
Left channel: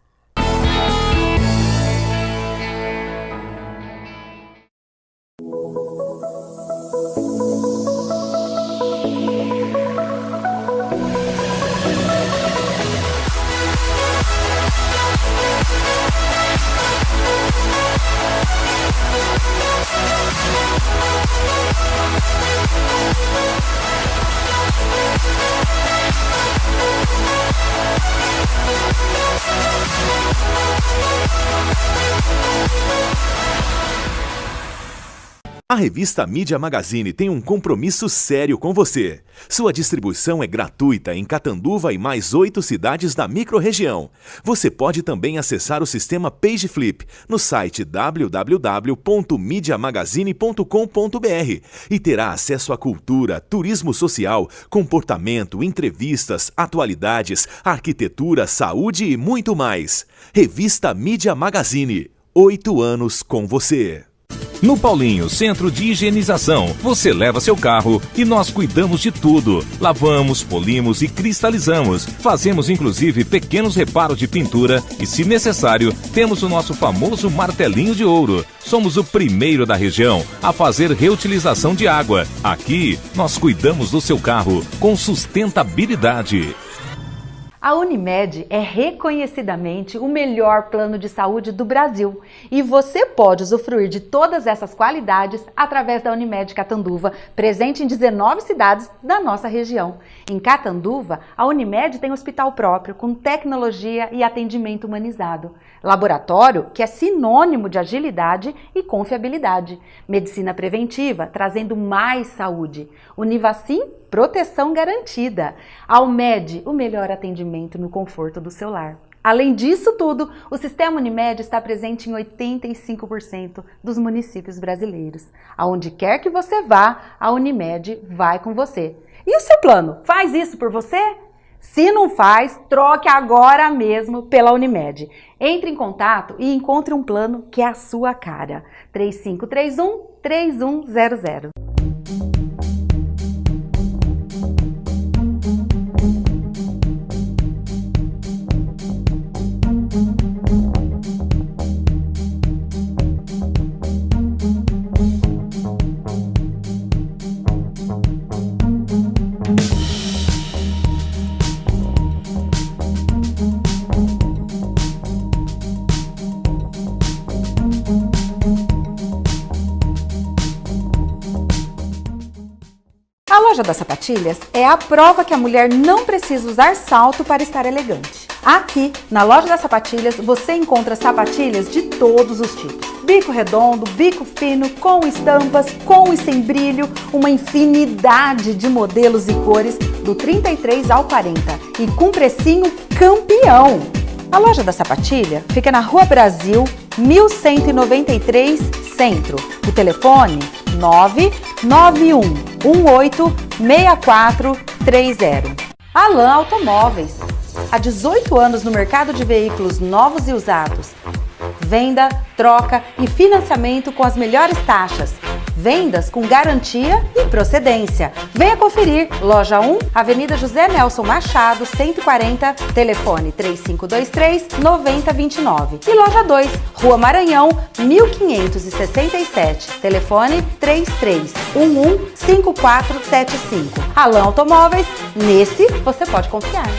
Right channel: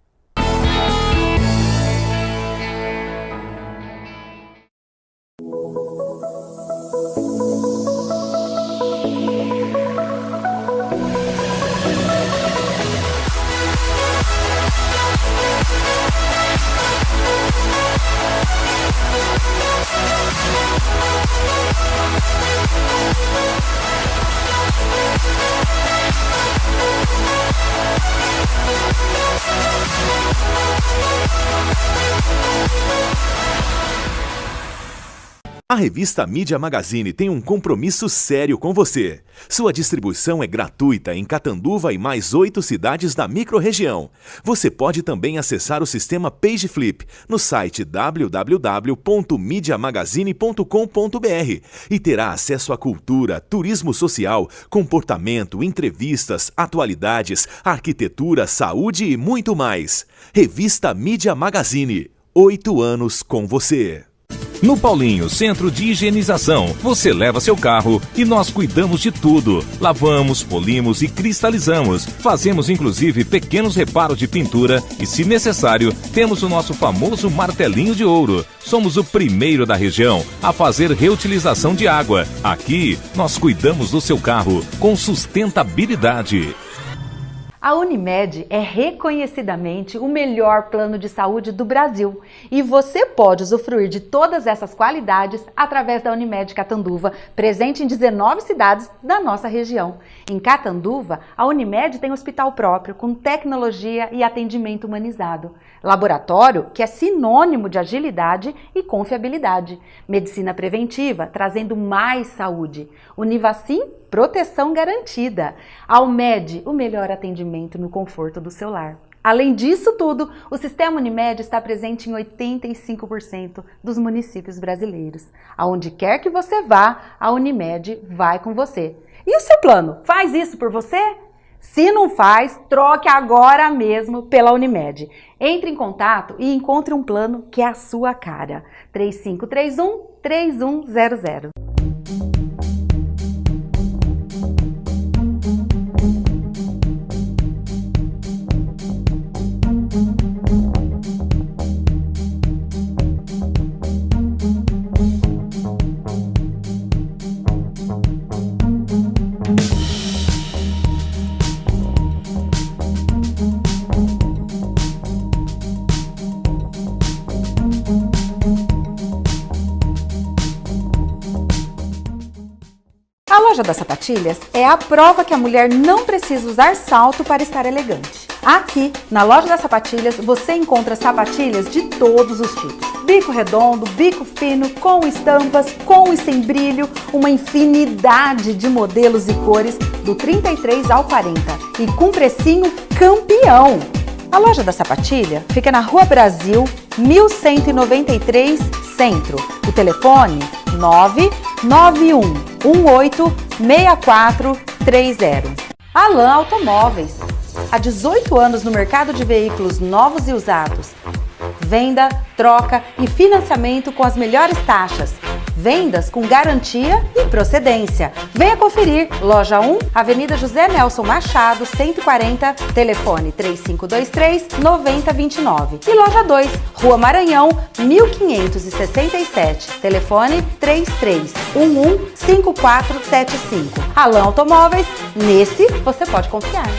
A revista Mídia Magazine tem um compromisso sério com você. Sua distribuição é gratuita em Catanduva e mais 8 cidades da microrregião. Você pode também acessar o sistema PageFlip no site www.mediamagazine.com.br e terá acesso à cultura, turismo social, comportamento, entrevistas, atualidades, arquitetura, saúde e muito mais. Revista Mídia Magazine. 8 anos com você. No Paulinho Centro de Higienização, você leva seu carro e nós cuidamos de tudo. Lavamos, polimos e cristalizamos. Fazemos inclusive pequenos reparos de pintura e, se necessário, temos o nosso famoso martelinho de ouro. Somos o primeiro da região a fazer reutilização de água. Aqui, nós cuidamos do seu carro com sustentabilidade. A Unimed é reconhecidamente o melhor plano de saúde do Brasil e você pode usufruir de todas essas qualidades através da Unimed Catanduva, presente em 19 cidades da nossa região. Em Catanduva, a Unimed tem hospital próprio com tecnologia e atendimento humanizado, laboratório que é sinônimo de agilidade e confiabilidade, medicina preventiva trazendo mais saúde, Univacim, proteção garantida. Almed, o melhor atendimento no conforto do seu lar. Além disso tudo, o Sistema Unimed está presente em 85% dos municípios brasileiros. Aonde quer que você vá, a Unimed vai com você. E o seu plano? Faz isso por você? Se não faz, troque agora mesmo pela Unimed. Entre em contato e encontre um plano que é a sua cara. 3531-3100. das Sapatilhas é a prova que a mulher não precisa usar salto para estar elegante. Aqui, na Loja das Sapatilhas, você encontra sapatilhas de todos os tipos. Bico redondo, bico fino, com estampas, com e sem brilho, uma infinidade de modelos e cores do 33 ao 40 e com precinho campeão. A Loja da Sapatilha fica na Rua Brasil, 1193, Centro. O telefone 991186430. Alan Automóveis. Há 18 anos no mercado de veículos novos e usados. Venda, troca e financiamento com as melhores taxas. Vendas com garantia e procedência. Venha conferir. Loja 1, Avenida José Nelson Machado, 140, telefone 3523-9029. E loja 2, Rua Maranhão, 1567, telefone 3311-5475. Alan Automóveis, nesse você pode confiar.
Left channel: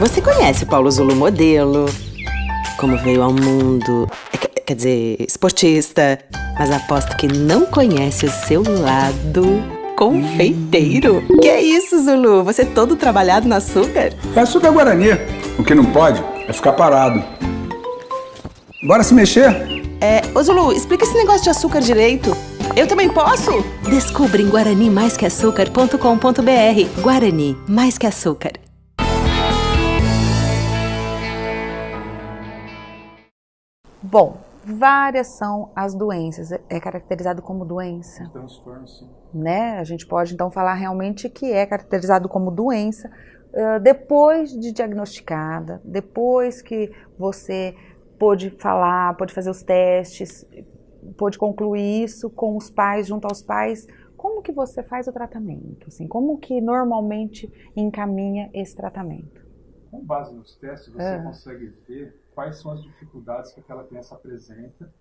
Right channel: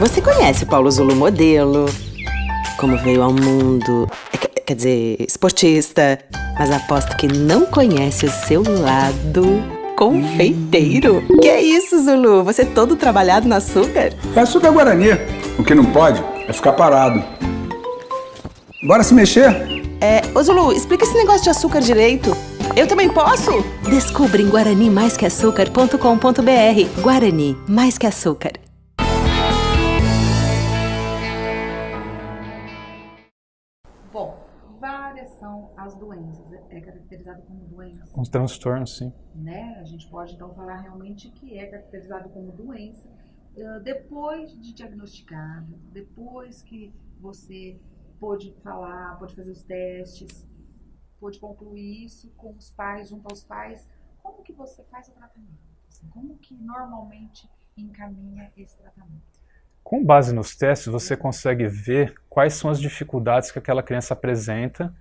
Você conhece o Paulo Zulu modelo? Como veio ao mundo, quer dizer, esportista, mas aposto que não conhece o seu lado confeiteiro. Que é isso, Zulu? Você todo trabalhado no açúcar? É açúcar Guarani. O que não pode é ficar parado. Bora se mexer? Ô Zulu, explica esse negócio de açúcar direito. Eu também posso? Descubra em guaranimaisqueaçúcar.com.br. Guarani, mais que açúcar. Bom, várias são as doenças. É caracterizado como doença? Um transtorno, sim. Né? A gente pode então falar realmente que é caracterizado como doença depois de diagnosticada, depois que você pôde falar, pôde fazer os testes, pôde concluir isso com os pais, junto aos pais. Como que você faz o tratamento? Assim, como que normalmente encaminha esse tratamento? Com base nos testes, você consegue ver quais são as dificuldades que aquela criança apresenta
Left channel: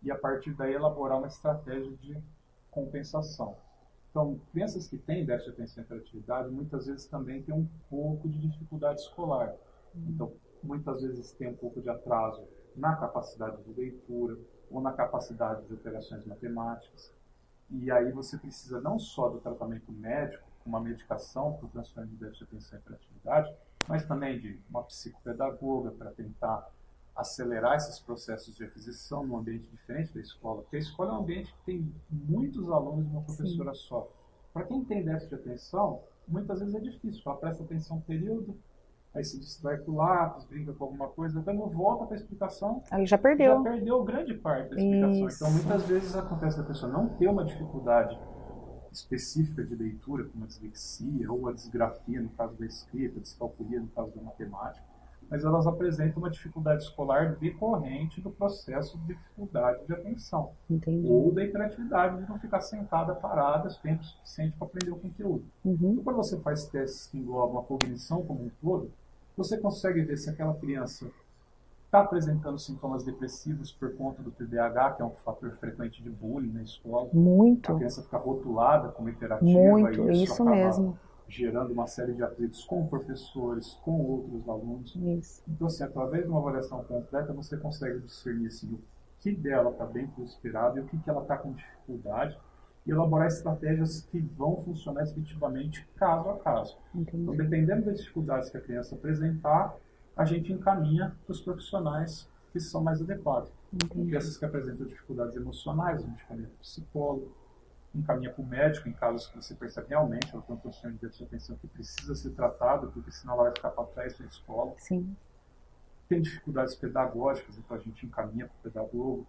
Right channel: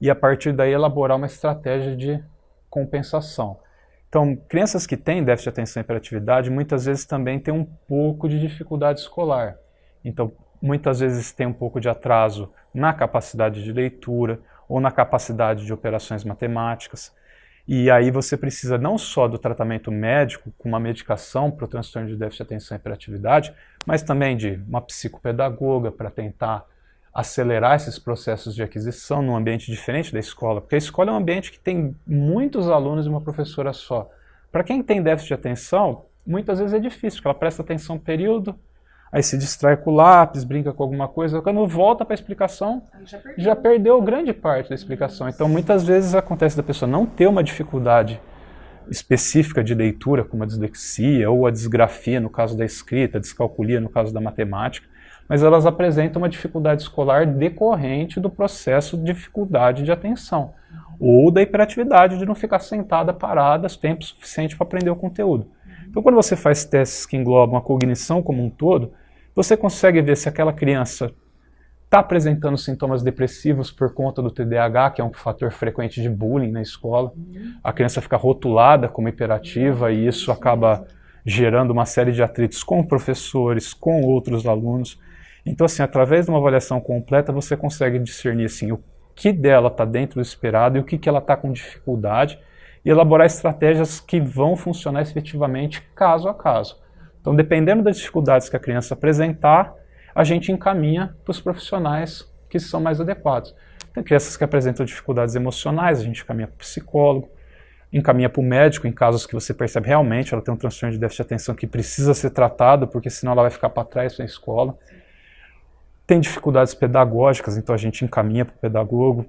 e, a partir daí, elaborar uma estratégia de compensação. Então, crianças que têm déficit de atenção e hiperatividade, muitas vezes também têm um pouco de dificuldade escolar. Então, muitas vezes tem um pouco de atraso na capacidade de leitura ou na capacidade de operações matemáticas. E aí você precisa não só do tratamento médico, com uma medicação para o transtorno de déficit de atenção e hiperatividade, mas também de uma psicopedagoga para tentar acelerar esses processos de aquisição num ambiente diferente da escola, porque a escola é um ambiente que tem muitos alunos e uma professora só. Para quem tem déficit de atenção, muitas vezes é difícil, porque ela presta atenção um período, aí se distrai com o lápis, brinca com alguma coisa, quando volta para a explicação, aí já perdeu grande parte da explicação. Isso. Então, muitas vezes acontece da pessoa não ter uma dificuldade específica de leitura, como a dislexia ou a disgrafia, no caso da escrita, a descalculia, no caso da matemática, mas elas apresentam uma dificuldade escolar decorrente do processo de dificuldade de atenção. Entendi. Ou da hiperatividade, de não ficar sentada, parada, tempo suficiente para aprender o conteúdo. Então, quando você faz testes que englobam a cognição como um todo, você consegue ver se aquela criança está apresentando sintomas depressivos por conta do TDAH, que é um fator frequente de bullying na escola. Muito. A criança fica rotulada como hiperativa e isso acaba gerando uma série de atritos com professores, com outros alunos. Isso. Então, assim, através de uma avaliação completa, você consegue discernir assim, o que dela está dentro do esperado e o que ela está com dificuldade e elaborar estratégias que vão funcionar efetivamente caso a caso. Entendi. Então, dependendo das dificuldades que a criança apresentar, a gente encaminha para os profissionais que são mais adequados. Tem crianças que apresentam dificuldades emocionais, a gente encaminha para o psicólogo, encaminha para o médico em casos que você percebe realmente ela tem um transtorno de déficit de atenção que precisa ser tratado, porque senão ela vai ficar para trás na escola. Sim. Tem dificuldades pedagógicas, então a gente encaminha para o pedagogo.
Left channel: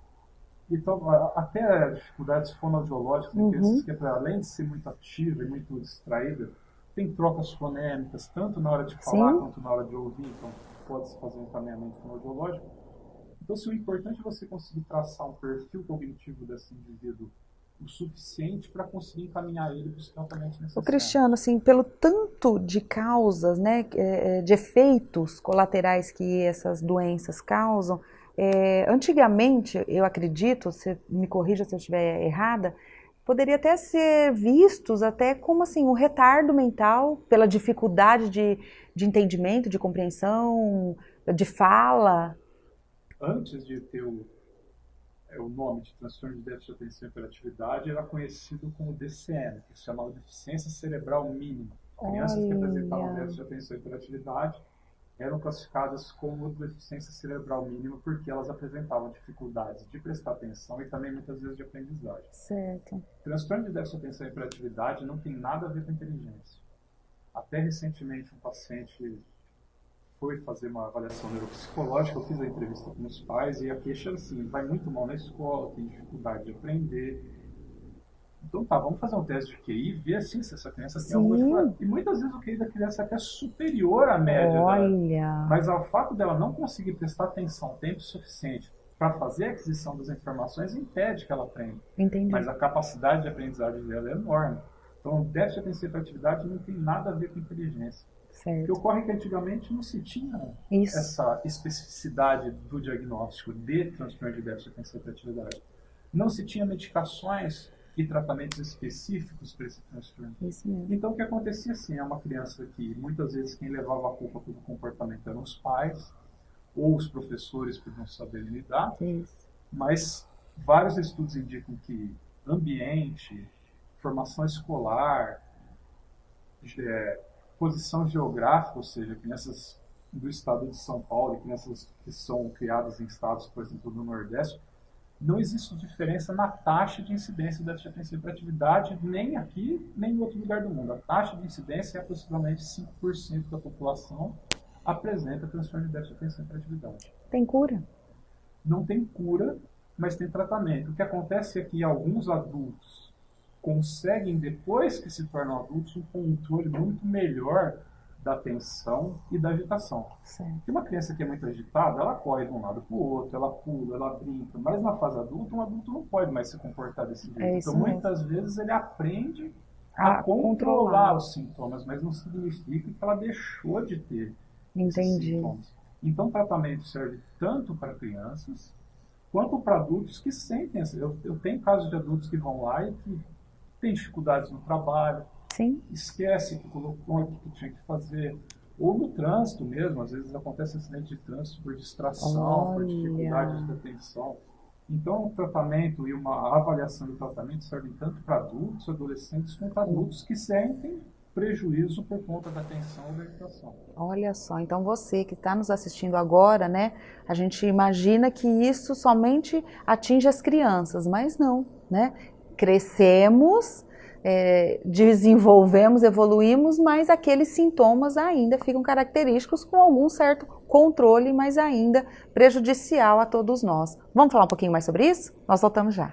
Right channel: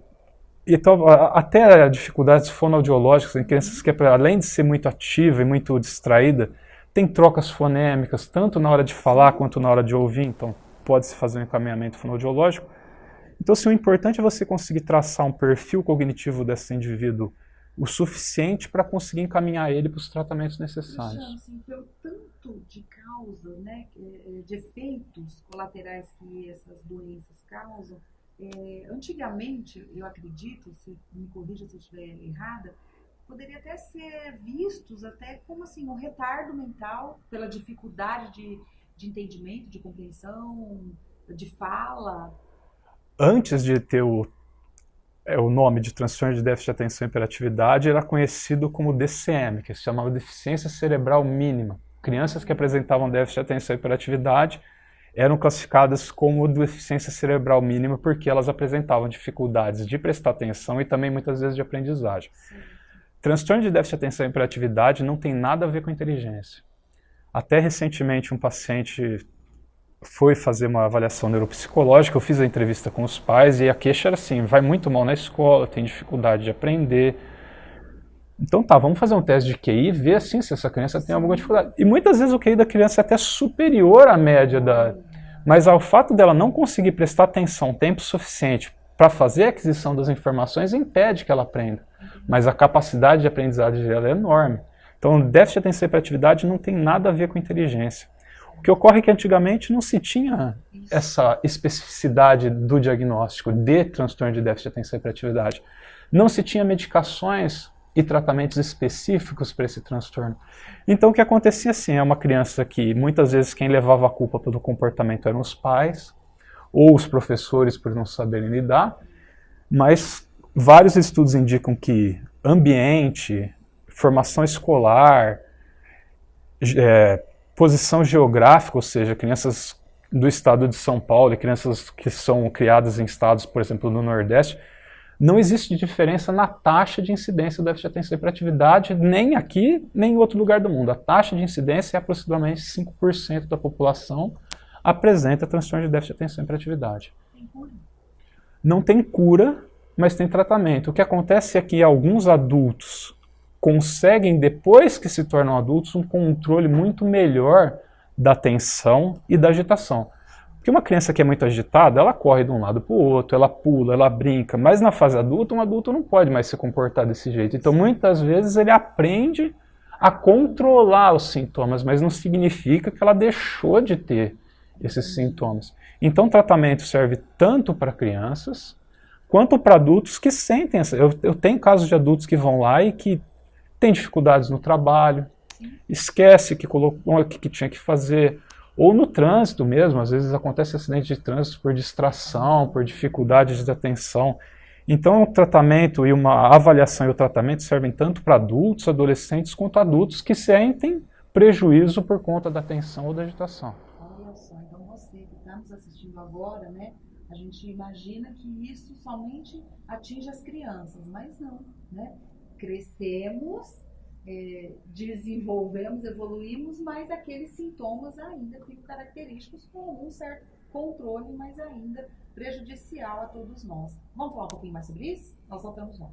Então, até dificuldades fonoaudiológicas, em crianças que, além de ser muito ativa e muito distraída, tem trocas fonêmicas, tanto na hora de falar quanto na hora de ouvir, então pode-se fazer um encaminhamento fonoaudiológico. Então, assim, o importante é você conseguir traçar um perfil cognitivo desse indivíduo o suficiente para conseguir encaminhar ele para os tratamentos necessários. Cristiano, assim, pelo tanto de causas, né, de efeitos colaterais que essas doenças causam, antigamente, eu acredito, você me corrija se eu estiver errada, poderia até ser vistos até como assim, um retardo mental pela dificuldade de entendimento, de compreensão, de fala. Antes de ter o nome de transtorno de déficit de atenção e hiperatividade, era conhecido como DCM, que se chamava deficiência cerebral mínima. Crianças que apresentavam déficit de atenção e hiperatividade eram classificadas como deficiência cerebral mínima porque elas apresentavam dificuldades de prestar atenção e também muitas vezes de aprendizagem. Certo. Transtorno de déficit de atenção e hiperatividade não tem nada a ver com inteligência. Até recentemente um paciente foi fazer uma avaliação neuropsicológica, eu fiz a entrevista com os pais e a queixa era assim, vai muito mal na escola, tem dificuldade de aprender. Então tá, vamos fazer um teste de QI e ver assim, se essa criança tem alguma dificuldade. E muitas vezes o QI da criança é até superior à média Mas ao fato dela não conseguir prestar atenção tempo suficiente para fazer a aquisição das informações impede que ela aprenda. Entendi. Mas a capacidade de aprendizagem dela é enorme. Então, déficit de atenção e hiperatividade não tem nada a ver com inteligência. Certo. O que ocorre é que antigamente não se tinha essa especificidade do diagnóstico de transtorno de déficit de atenção e hiperatividade. Não se tinha medicações e tratamentos específicos para esse transtorno. Então, o que acontecia assim, é uma criança que muitas vezes quem levava a culpa pelo comportamento eram os pais ou os professores por não saberem lidar, mas vários estudos indicam que ambiente, formação escolar, posição geográfica, ou seja, crianças do estado de São Paulo e crianças que são criadas em estados, por exemplo, no Nordeste, não existe diferença na taxa de incidência do déficit de atenção e hiperatividade, nem aqui, nem em outro lugar do mundo. A taxa de incidência é aproximadamente 5% da população apresenta transtorno de déficit de atenção e hiperatividade. Tem cura? Não tem cura, mas tem tratamento. O que acontece é que alguns adultos conseguem, depois que se tornam adultos, um controle muito melhor da atenção e da agitação. Porque uma criança que é muito agitada, ela corre de um lado para o outro, ela pula, ela brinca, mas na fase adulta, um adulto não pode mais se comportar desse jeito. Então, muitas vezes, ele aprende a controlar os sintomas, mas não significa que ela deixou de ter esses sintomas. Então, o tratamento serve tanto para crianças, quanto para adultos que sentem. Eu tenho casos de adultos que vão lá e que têm dificuldades no trabalho, esquece que colocou o que tinha que fazer, ou no trânsito mesmo, às vezes acontece acidente de trânsito por distração, por dificuldade de atenção. Então o tratamento e uma avaliação e o tratamento servem tanto para adultos, adolescentes, quanto adultos que sentem prejuízo por conta da atenção ou da agitação. Olha só, então você que está nos assistindo agora, né, a gente imagina que isso somente atinge as crianças, mas não, né? Crescemos, desenvolvemos, evoluímos, mas aqueles sintomas ainda ficam característicos com algum certo controle, mas ainda prejudicial a todos nós. Vamos falar um pouquinho mais sobre isso? Nós voltamos já.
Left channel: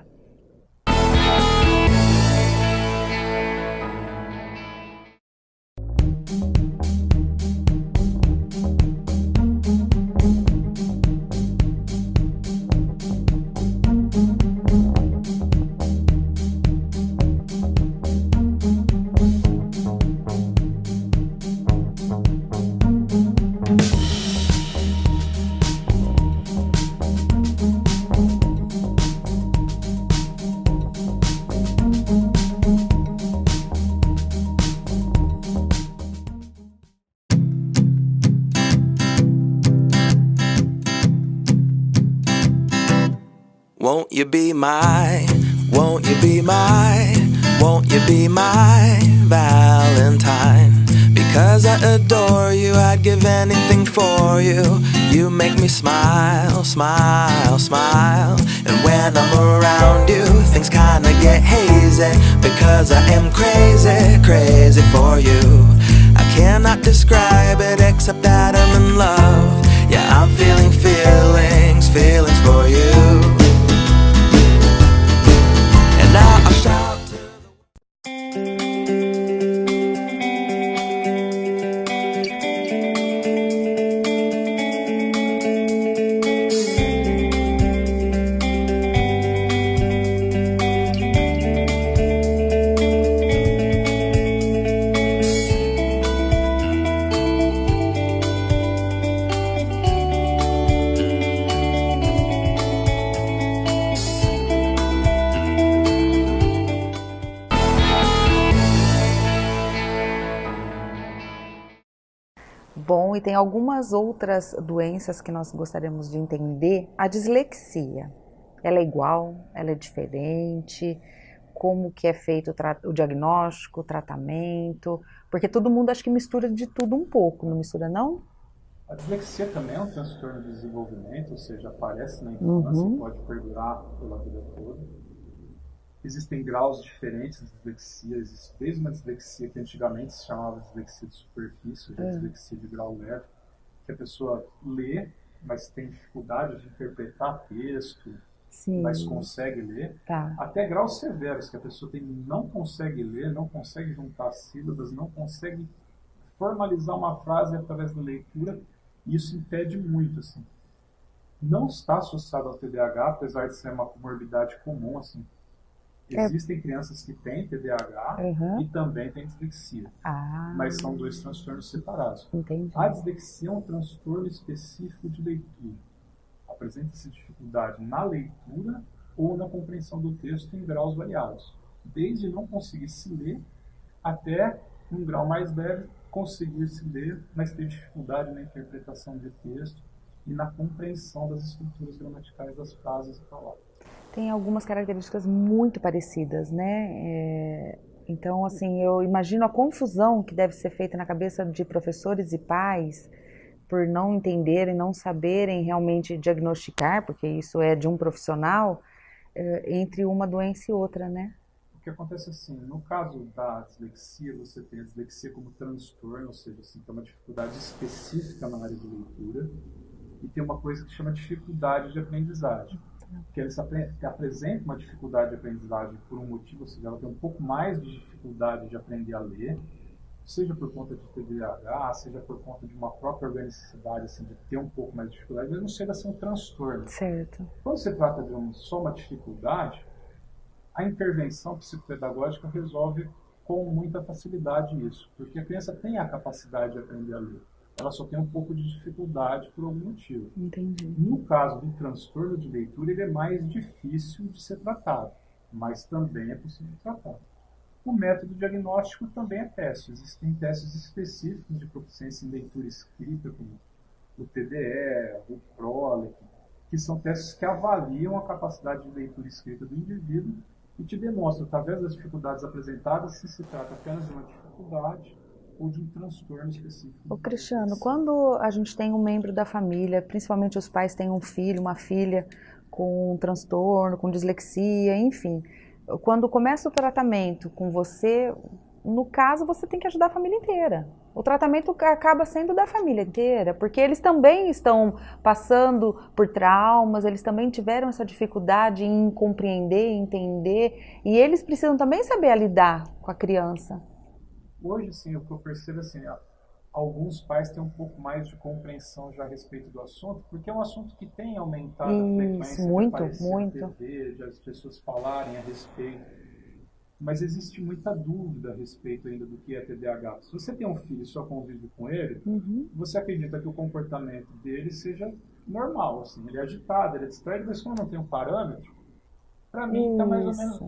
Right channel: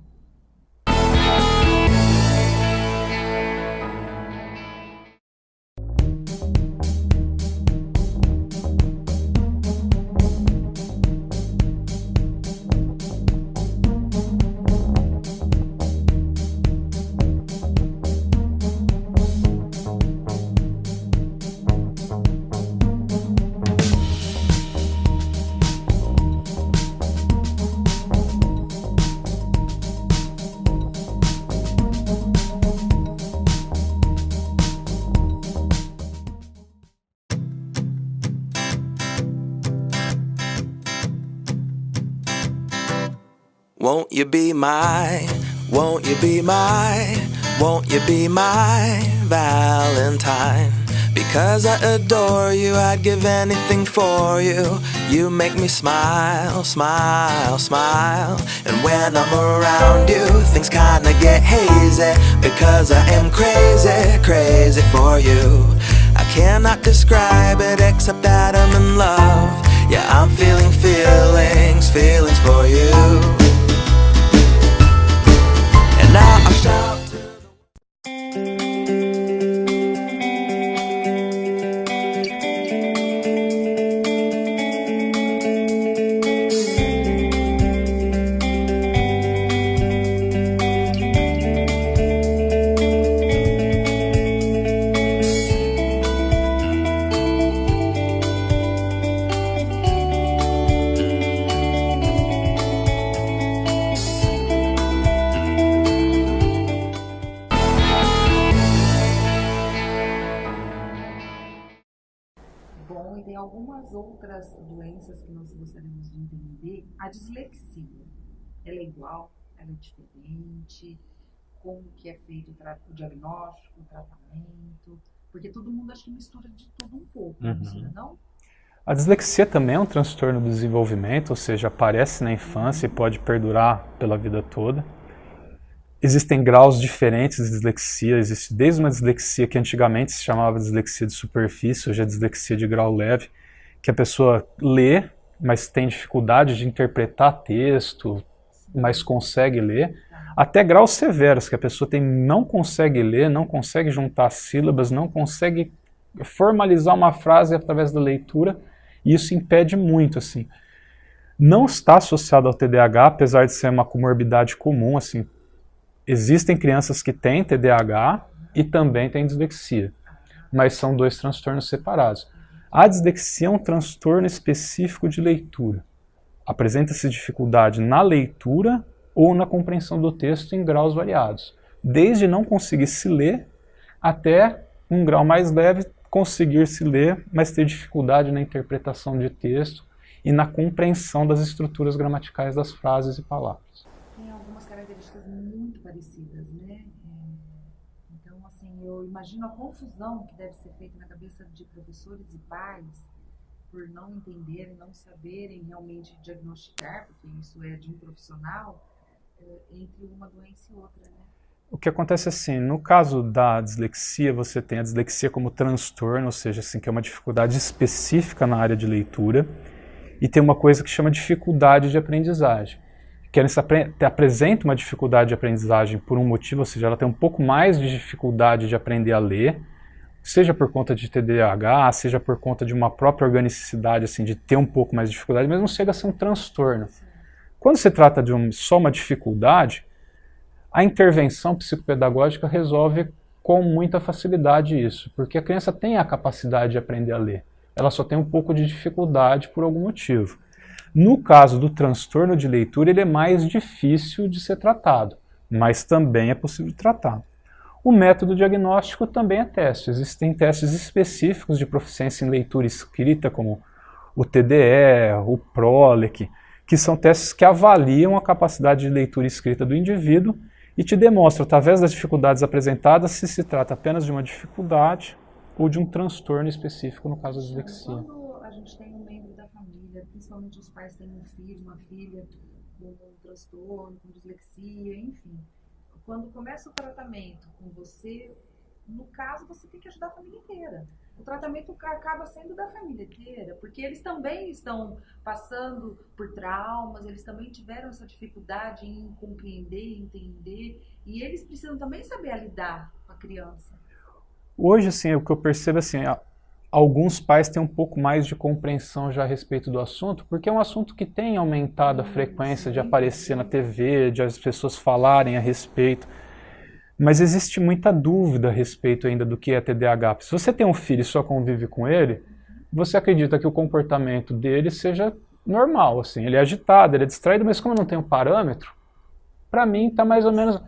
Won't you be my, won't you be my, won't you be my Valentine? Because I adore you, I'd give anything for you. You make me smile, smile, smile. And when I'm around you, things kinda get hazy. Because I am crazy, crazy for you. I cannot describe it except that I'm in love. Yeah, I'm feeling feelings, feelings for you. And now I shout to Bom, e tem algumas outras doenças que nós gostaríamos de entender. A dislexia, ela é igual? Ela é diferente? Como que é feito o diagnóstico, o tratamento? Porque todo mundo acho que mistura de tudo um pouco, não mistura não? A dislexia também é um transtorno do desenvolvimento, ou seja, aparece na infância e pode perdurar pela vida toda. Existem graus diferentes de dislexia, existe desde uma dislexia que antigamente se chamava dislexia de superfície, hoje é dislexia de grau leve, que a pessoa lê, mas tem dificuldade de interpretar texto, mas consegue ler, até graus severos, que a pessoa não consegue ler, não consegue juntar sílabas, não consegue formalizar uma frase através da leitura, e isso impede muito, assim. Não está associado ao TDAH, apesar de ser uma comorbidade comum, assim. Existem crianças que têm TDAH e também têm dislexia, mas são dois transtornos separados. Entendi. A dislexia é um transtorno específico de leitura. Apresenta-se dificuldade na leitura ou na compreensão do texto em graus variados, desde não conseguir se ler até um grau mais leve, conseguir se ler, mas ter dificuldade na interpretação de texto e na compreensão das estruturas gramaticais das frases e palavras. Tem algumas características muito parecidas, né? Então, assim, eu imagino a confusão que deve ser feita na cabeça de professores e pais por não entenderem, não saberem realmente diagnosticar, porque isso é de um profissional, entre uma doença e outra, né? O que acontece assim, no caso da dislexia, você tem a dislexia como transtorno, ou seja, assim, que é uma dificuldade específica na área de leitura, e tem uma coisa que chama dificuldade de aprendizagem. Que ela apresenta uma dificuldade de aprendizagem por um motivo, ou seja, ela tem um pouco mais de dificuldade de aprender a ler, seja por conta de TDAH, seja por conta de uma própria organicidade, assim, de ter um pouco mais de dificuldade, mas não chega a ser um transtorno. Certo. Quando se trata de só uma dificuldade, a intervenção psicopedagógica resolve com muita facilidade isso, porque a criança tem a capacidade de aprender a ler. Ela só tem um pouco de dificuldade por algum motivo. Entendi. No caso do transtorno de leitura, ele é mais difícil de ser tratado, mas também é possível de tratar. O método diagnóstico também é teste. Existem testes específicos de proficiência em leitura escrita, como o TDE, o PROLEC, que são testes que avaliam a capacidade de leitura escrita do indivíduo e te demonstram, através das dificuldades apresentadas, se trata apenas de uma dificuldade ou de um transtorno específico, no caso da Cristiano, dislexia. quando a gente tem um membro da família, principalmente os pais têm um filho, uma filha com um transtorno, com dislexia, enfim, quando começa o tratamento com você, no caso, você tem que ajudar a família inteira. O tratamento acaba sendo da família inteira, porque eles também estão passando por traumas, eles também tiveram essa dificuldade em compreender, entender, e eles precisam também saber lidar com a criança. Hoje, assim, o que eu percebo, assim, alguns pais têm um pouco mais de compreensão já a respeito do assunto, porque é um assunto que tem aumentado a frequência de aparecer na TV, de as pessoas falarem a respeito. Mas existe muita dúvida a respeito ainda do que é TDAH. Se você tem um filho e só convive com ele, você acredita que o comportamento dele seja normal, assim, ele é agitado, ele é distraído, mas como não tem um parâmetro, para mim está mais ou menos...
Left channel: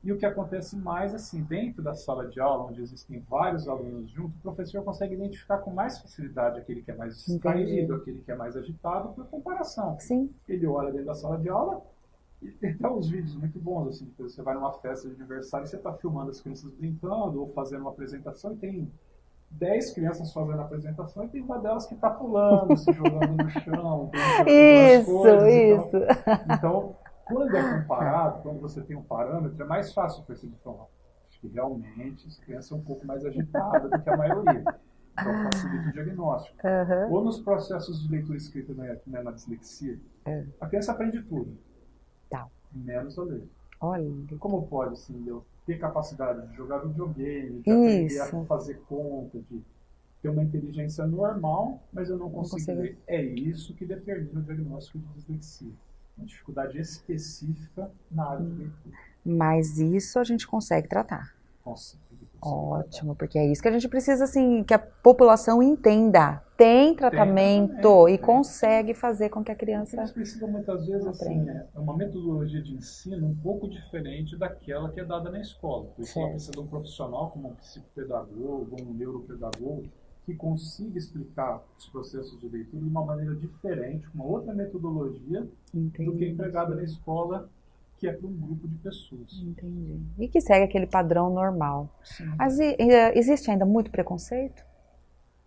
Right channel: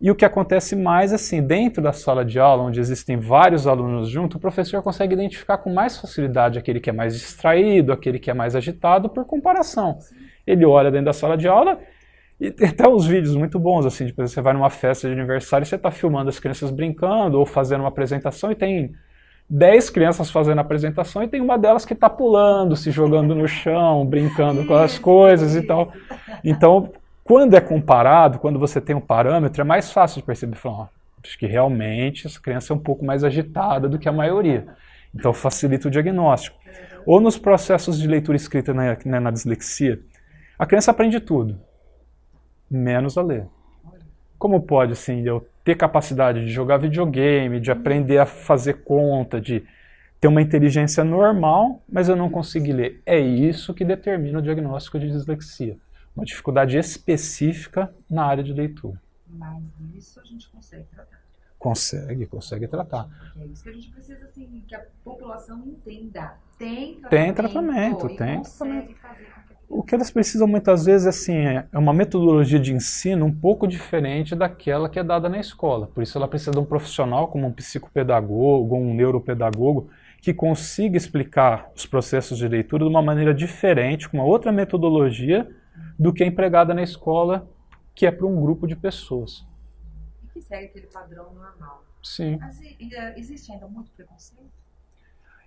E o que acontece mais, assim, dentro da sala de aula, onde existem vários alunos juntos, o professor consegue identificar com mais facilidade aquele que é mais distraído, aquele que é mais agitado, por comparação. Sim. Ele olha dentro da sala de aula e tem até uns vídeos muito bons, assim, tipo, você vai numa festa de aniversário e você está filmando as crianças brincando ou fazendo uma apresentação e tem 10 crianças fazendo a apresentação e tem uma delas que está pulando, se jogando no chão, brincando com as coisas e tal. Então, quando é comparado, quando você tem um parâmetro, é mais fácil de perceber, falar, acho que realmente essa criança é um pouco mais agitada do que a maioria. Então facilita o diagnóstico. Ou nos processos de leitura escrita na dislexia, a criança aprende tudo, menos a ler. Olha. Como pode, assim, eu ter capacidade de jogar videogame, de aprender a fazer conta, de ter uma inteligência normal, mas eu não consegui ler? É isso que determina o diagnóstico de dislexia. Uma dificuldade específica na área de leitura. Mas isso a gente consegue tratar. Consegue tratar. Ótimo, porque é isso que a gente precisa, assim, que a população entenda. Tem tratamento e consegue fazer com que a criança... O que eles precisam muitas vezes, assim, é uma metodologia de ensino um pouco diferente daquela que é dada na escola. Por isso ela precisa de um profissional como um psicopedagogo, um neuropedagogo, que consiga explicar os processos de leitura de uma maneira diferente, com uma outra metodologia do que é empregada na escola, que é para um grupo de pessoas. Entendi. E que segue aquele padrão normal. Sim. Mas existe ainda muito preconceito?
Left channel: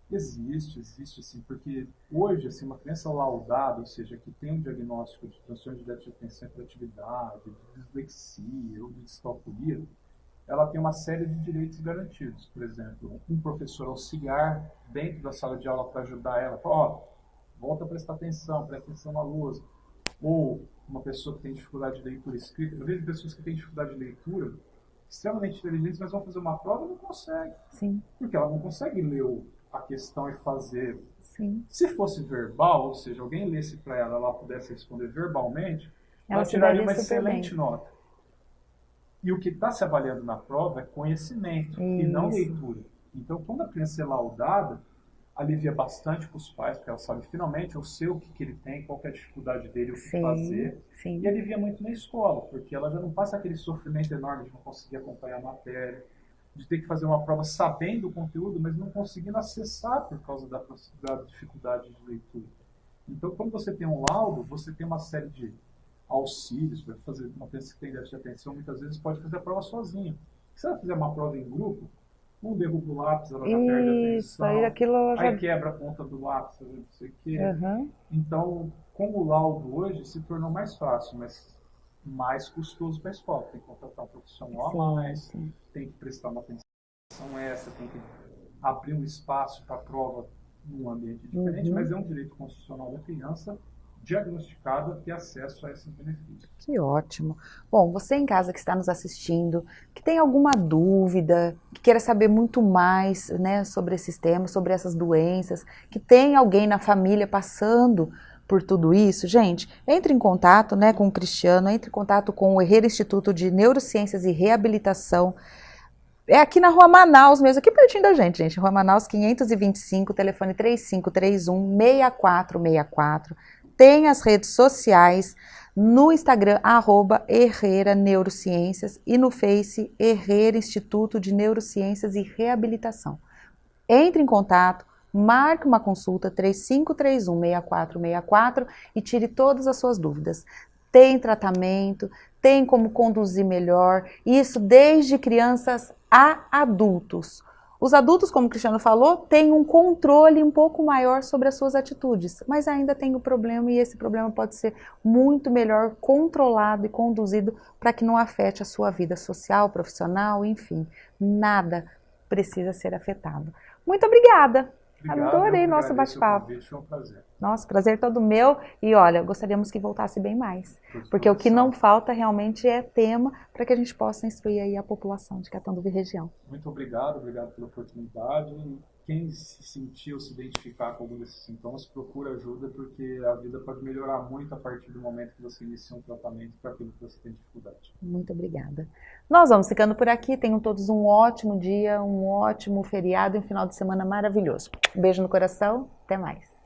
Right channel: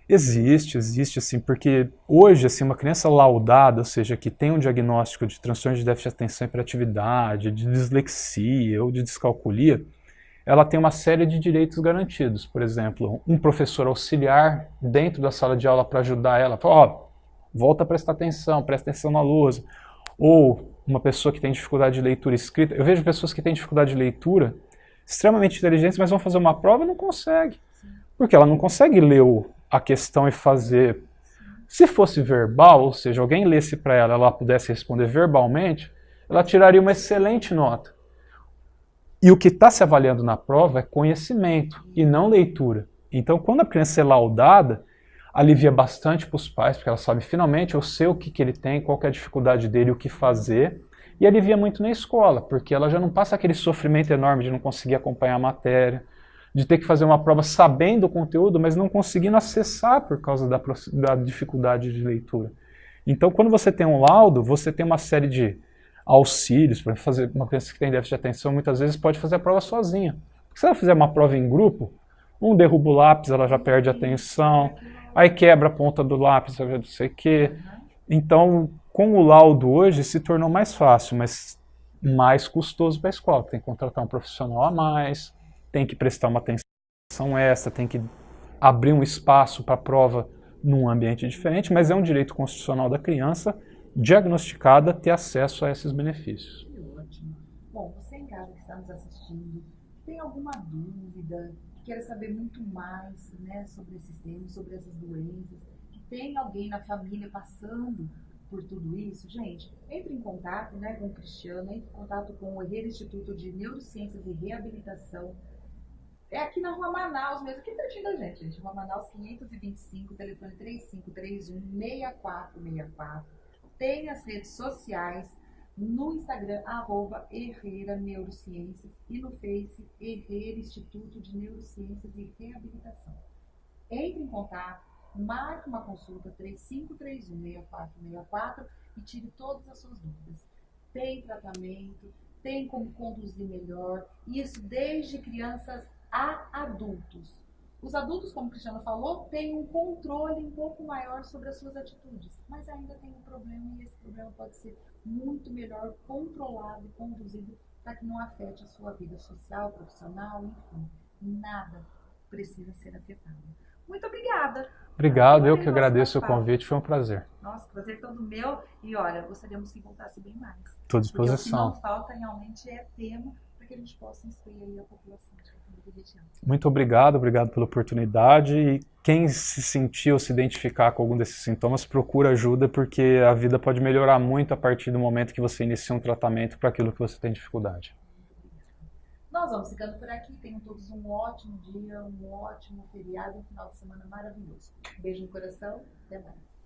Existe assim, porque hoje, assim, uma criança laudada, ou seja, que tem um diagnóstico de transtorno de déficit de atenção e hiperatividade, de dislexia ou de descalculia, ela tem uma série de direitos garantidos. Por exemplo, um professor auxiliar dentro da sala de aula para ajudar ela, fala, ó, volta a prestar atenção, presta atenção na lousa. Ou uma pessoa que tem dificuldade de leitura escrita. Eu vejo pessoas que têm dificuldade de leitura, extremamente inteligentes, mas vão fazer uma prova e não conseguem. Sim. Porque ela não consegue ler a questão e fazer. Sim. Se fosse verbal, ou seja, alguém lesse para ela, ela pudesse responder verbalmente, ela tiraria uma excelente nota. E o que está se avaliando na prova é conhecimento e não leitura. Então, quando a criança é laudada, alivia bastante para os pais, porque ela sabe, finalmente, eu sei o que ele tem, qual que é a dificuldade dele, o que fazer. Sim. E alivia muito na escola, porque ela já não passa aquele sofrimento enorme de não conseguir acompanhar a matéria, de ter que fazer uma prova sabendo o conteúdo, mas não conseguindo acessar por causa da dificuldade de leitura. Então, quando você tem um laudo, você tem uma série de auxílios para fazer. Uma criança que tem déficit de atenção muitas vezes pode fazer a prova sozinha. Porque se ela fizer uma prova em grupo, um derruba o lápis, ela já perde a atenção, aí quebra a ponta do lápis, não sei o quê. Então, com o laudo hoje se tornou mais fácil, mas mais custoso para a escola. Tem que contratar um profissional a mais, tem que prestar uma atenção extra, tem que abrir um espaço para a prova num ambiente diferente, mas é um direito constitucional da criança diagnosticada ter acesso a esses benefícios. Que ótimo. Bom, você em casa que está nos assistindo, que tem alguma dúvida, que queira saber muito mais, né, sobre esses temas, sobre essas doenças, que tem alguém na família passando por tudo isso, gente, entre em contato, né, com o Cristiano, entre em contato com o Herrera Instituto de Neurociências e Reabilitação. É aqui na Rua Manaus mesmo, aqui pertinho da gente. Rua Manaus 525, telefone 3531-6464. Tem as redes sociais, no Instagram, @Herrera Neurociências e no Face, Herrera Instituto de Neurociências e Reabilitação. Entre em contato, marque uma consulta 3531-6464 e tire todas as suas dúvidas. Tem tratamento, tem como conduzir melhor, isso desde crianças a adultos. Os adultos, como o Cristiano falou, têm um controle um pouco maior sobre as suas atitudes, mas ainda tem o problema e esse problema pode ser muito melhor controlado e conduzido para que não afete a sua vida social, profissional, enfim, nada precisa ser afetado. Muito obrigada! Obrigado, eu que agradeço o convite, foi um prazer. Nossa, prazer todo meu e olha, gostaríamos que voltasse bem mais. Porque o que não falta realmente é tema para que a gente possa instruir aí a população de Catanduva e região. Muito obrigado pela oportunidade e quem se sentir ou se identificar com algum desses sintomas, procura ajuda porque a vida pode melhorar muito a partir do momento que você inicia um tratamento para aquilo que você tem dificuldade. Muito obrigada. Nós vamos ficando por aqui, tenham todos um ótimo dia, um ótimo feriado e um final de semana maravilhoso. Um beijo no coração, até mais.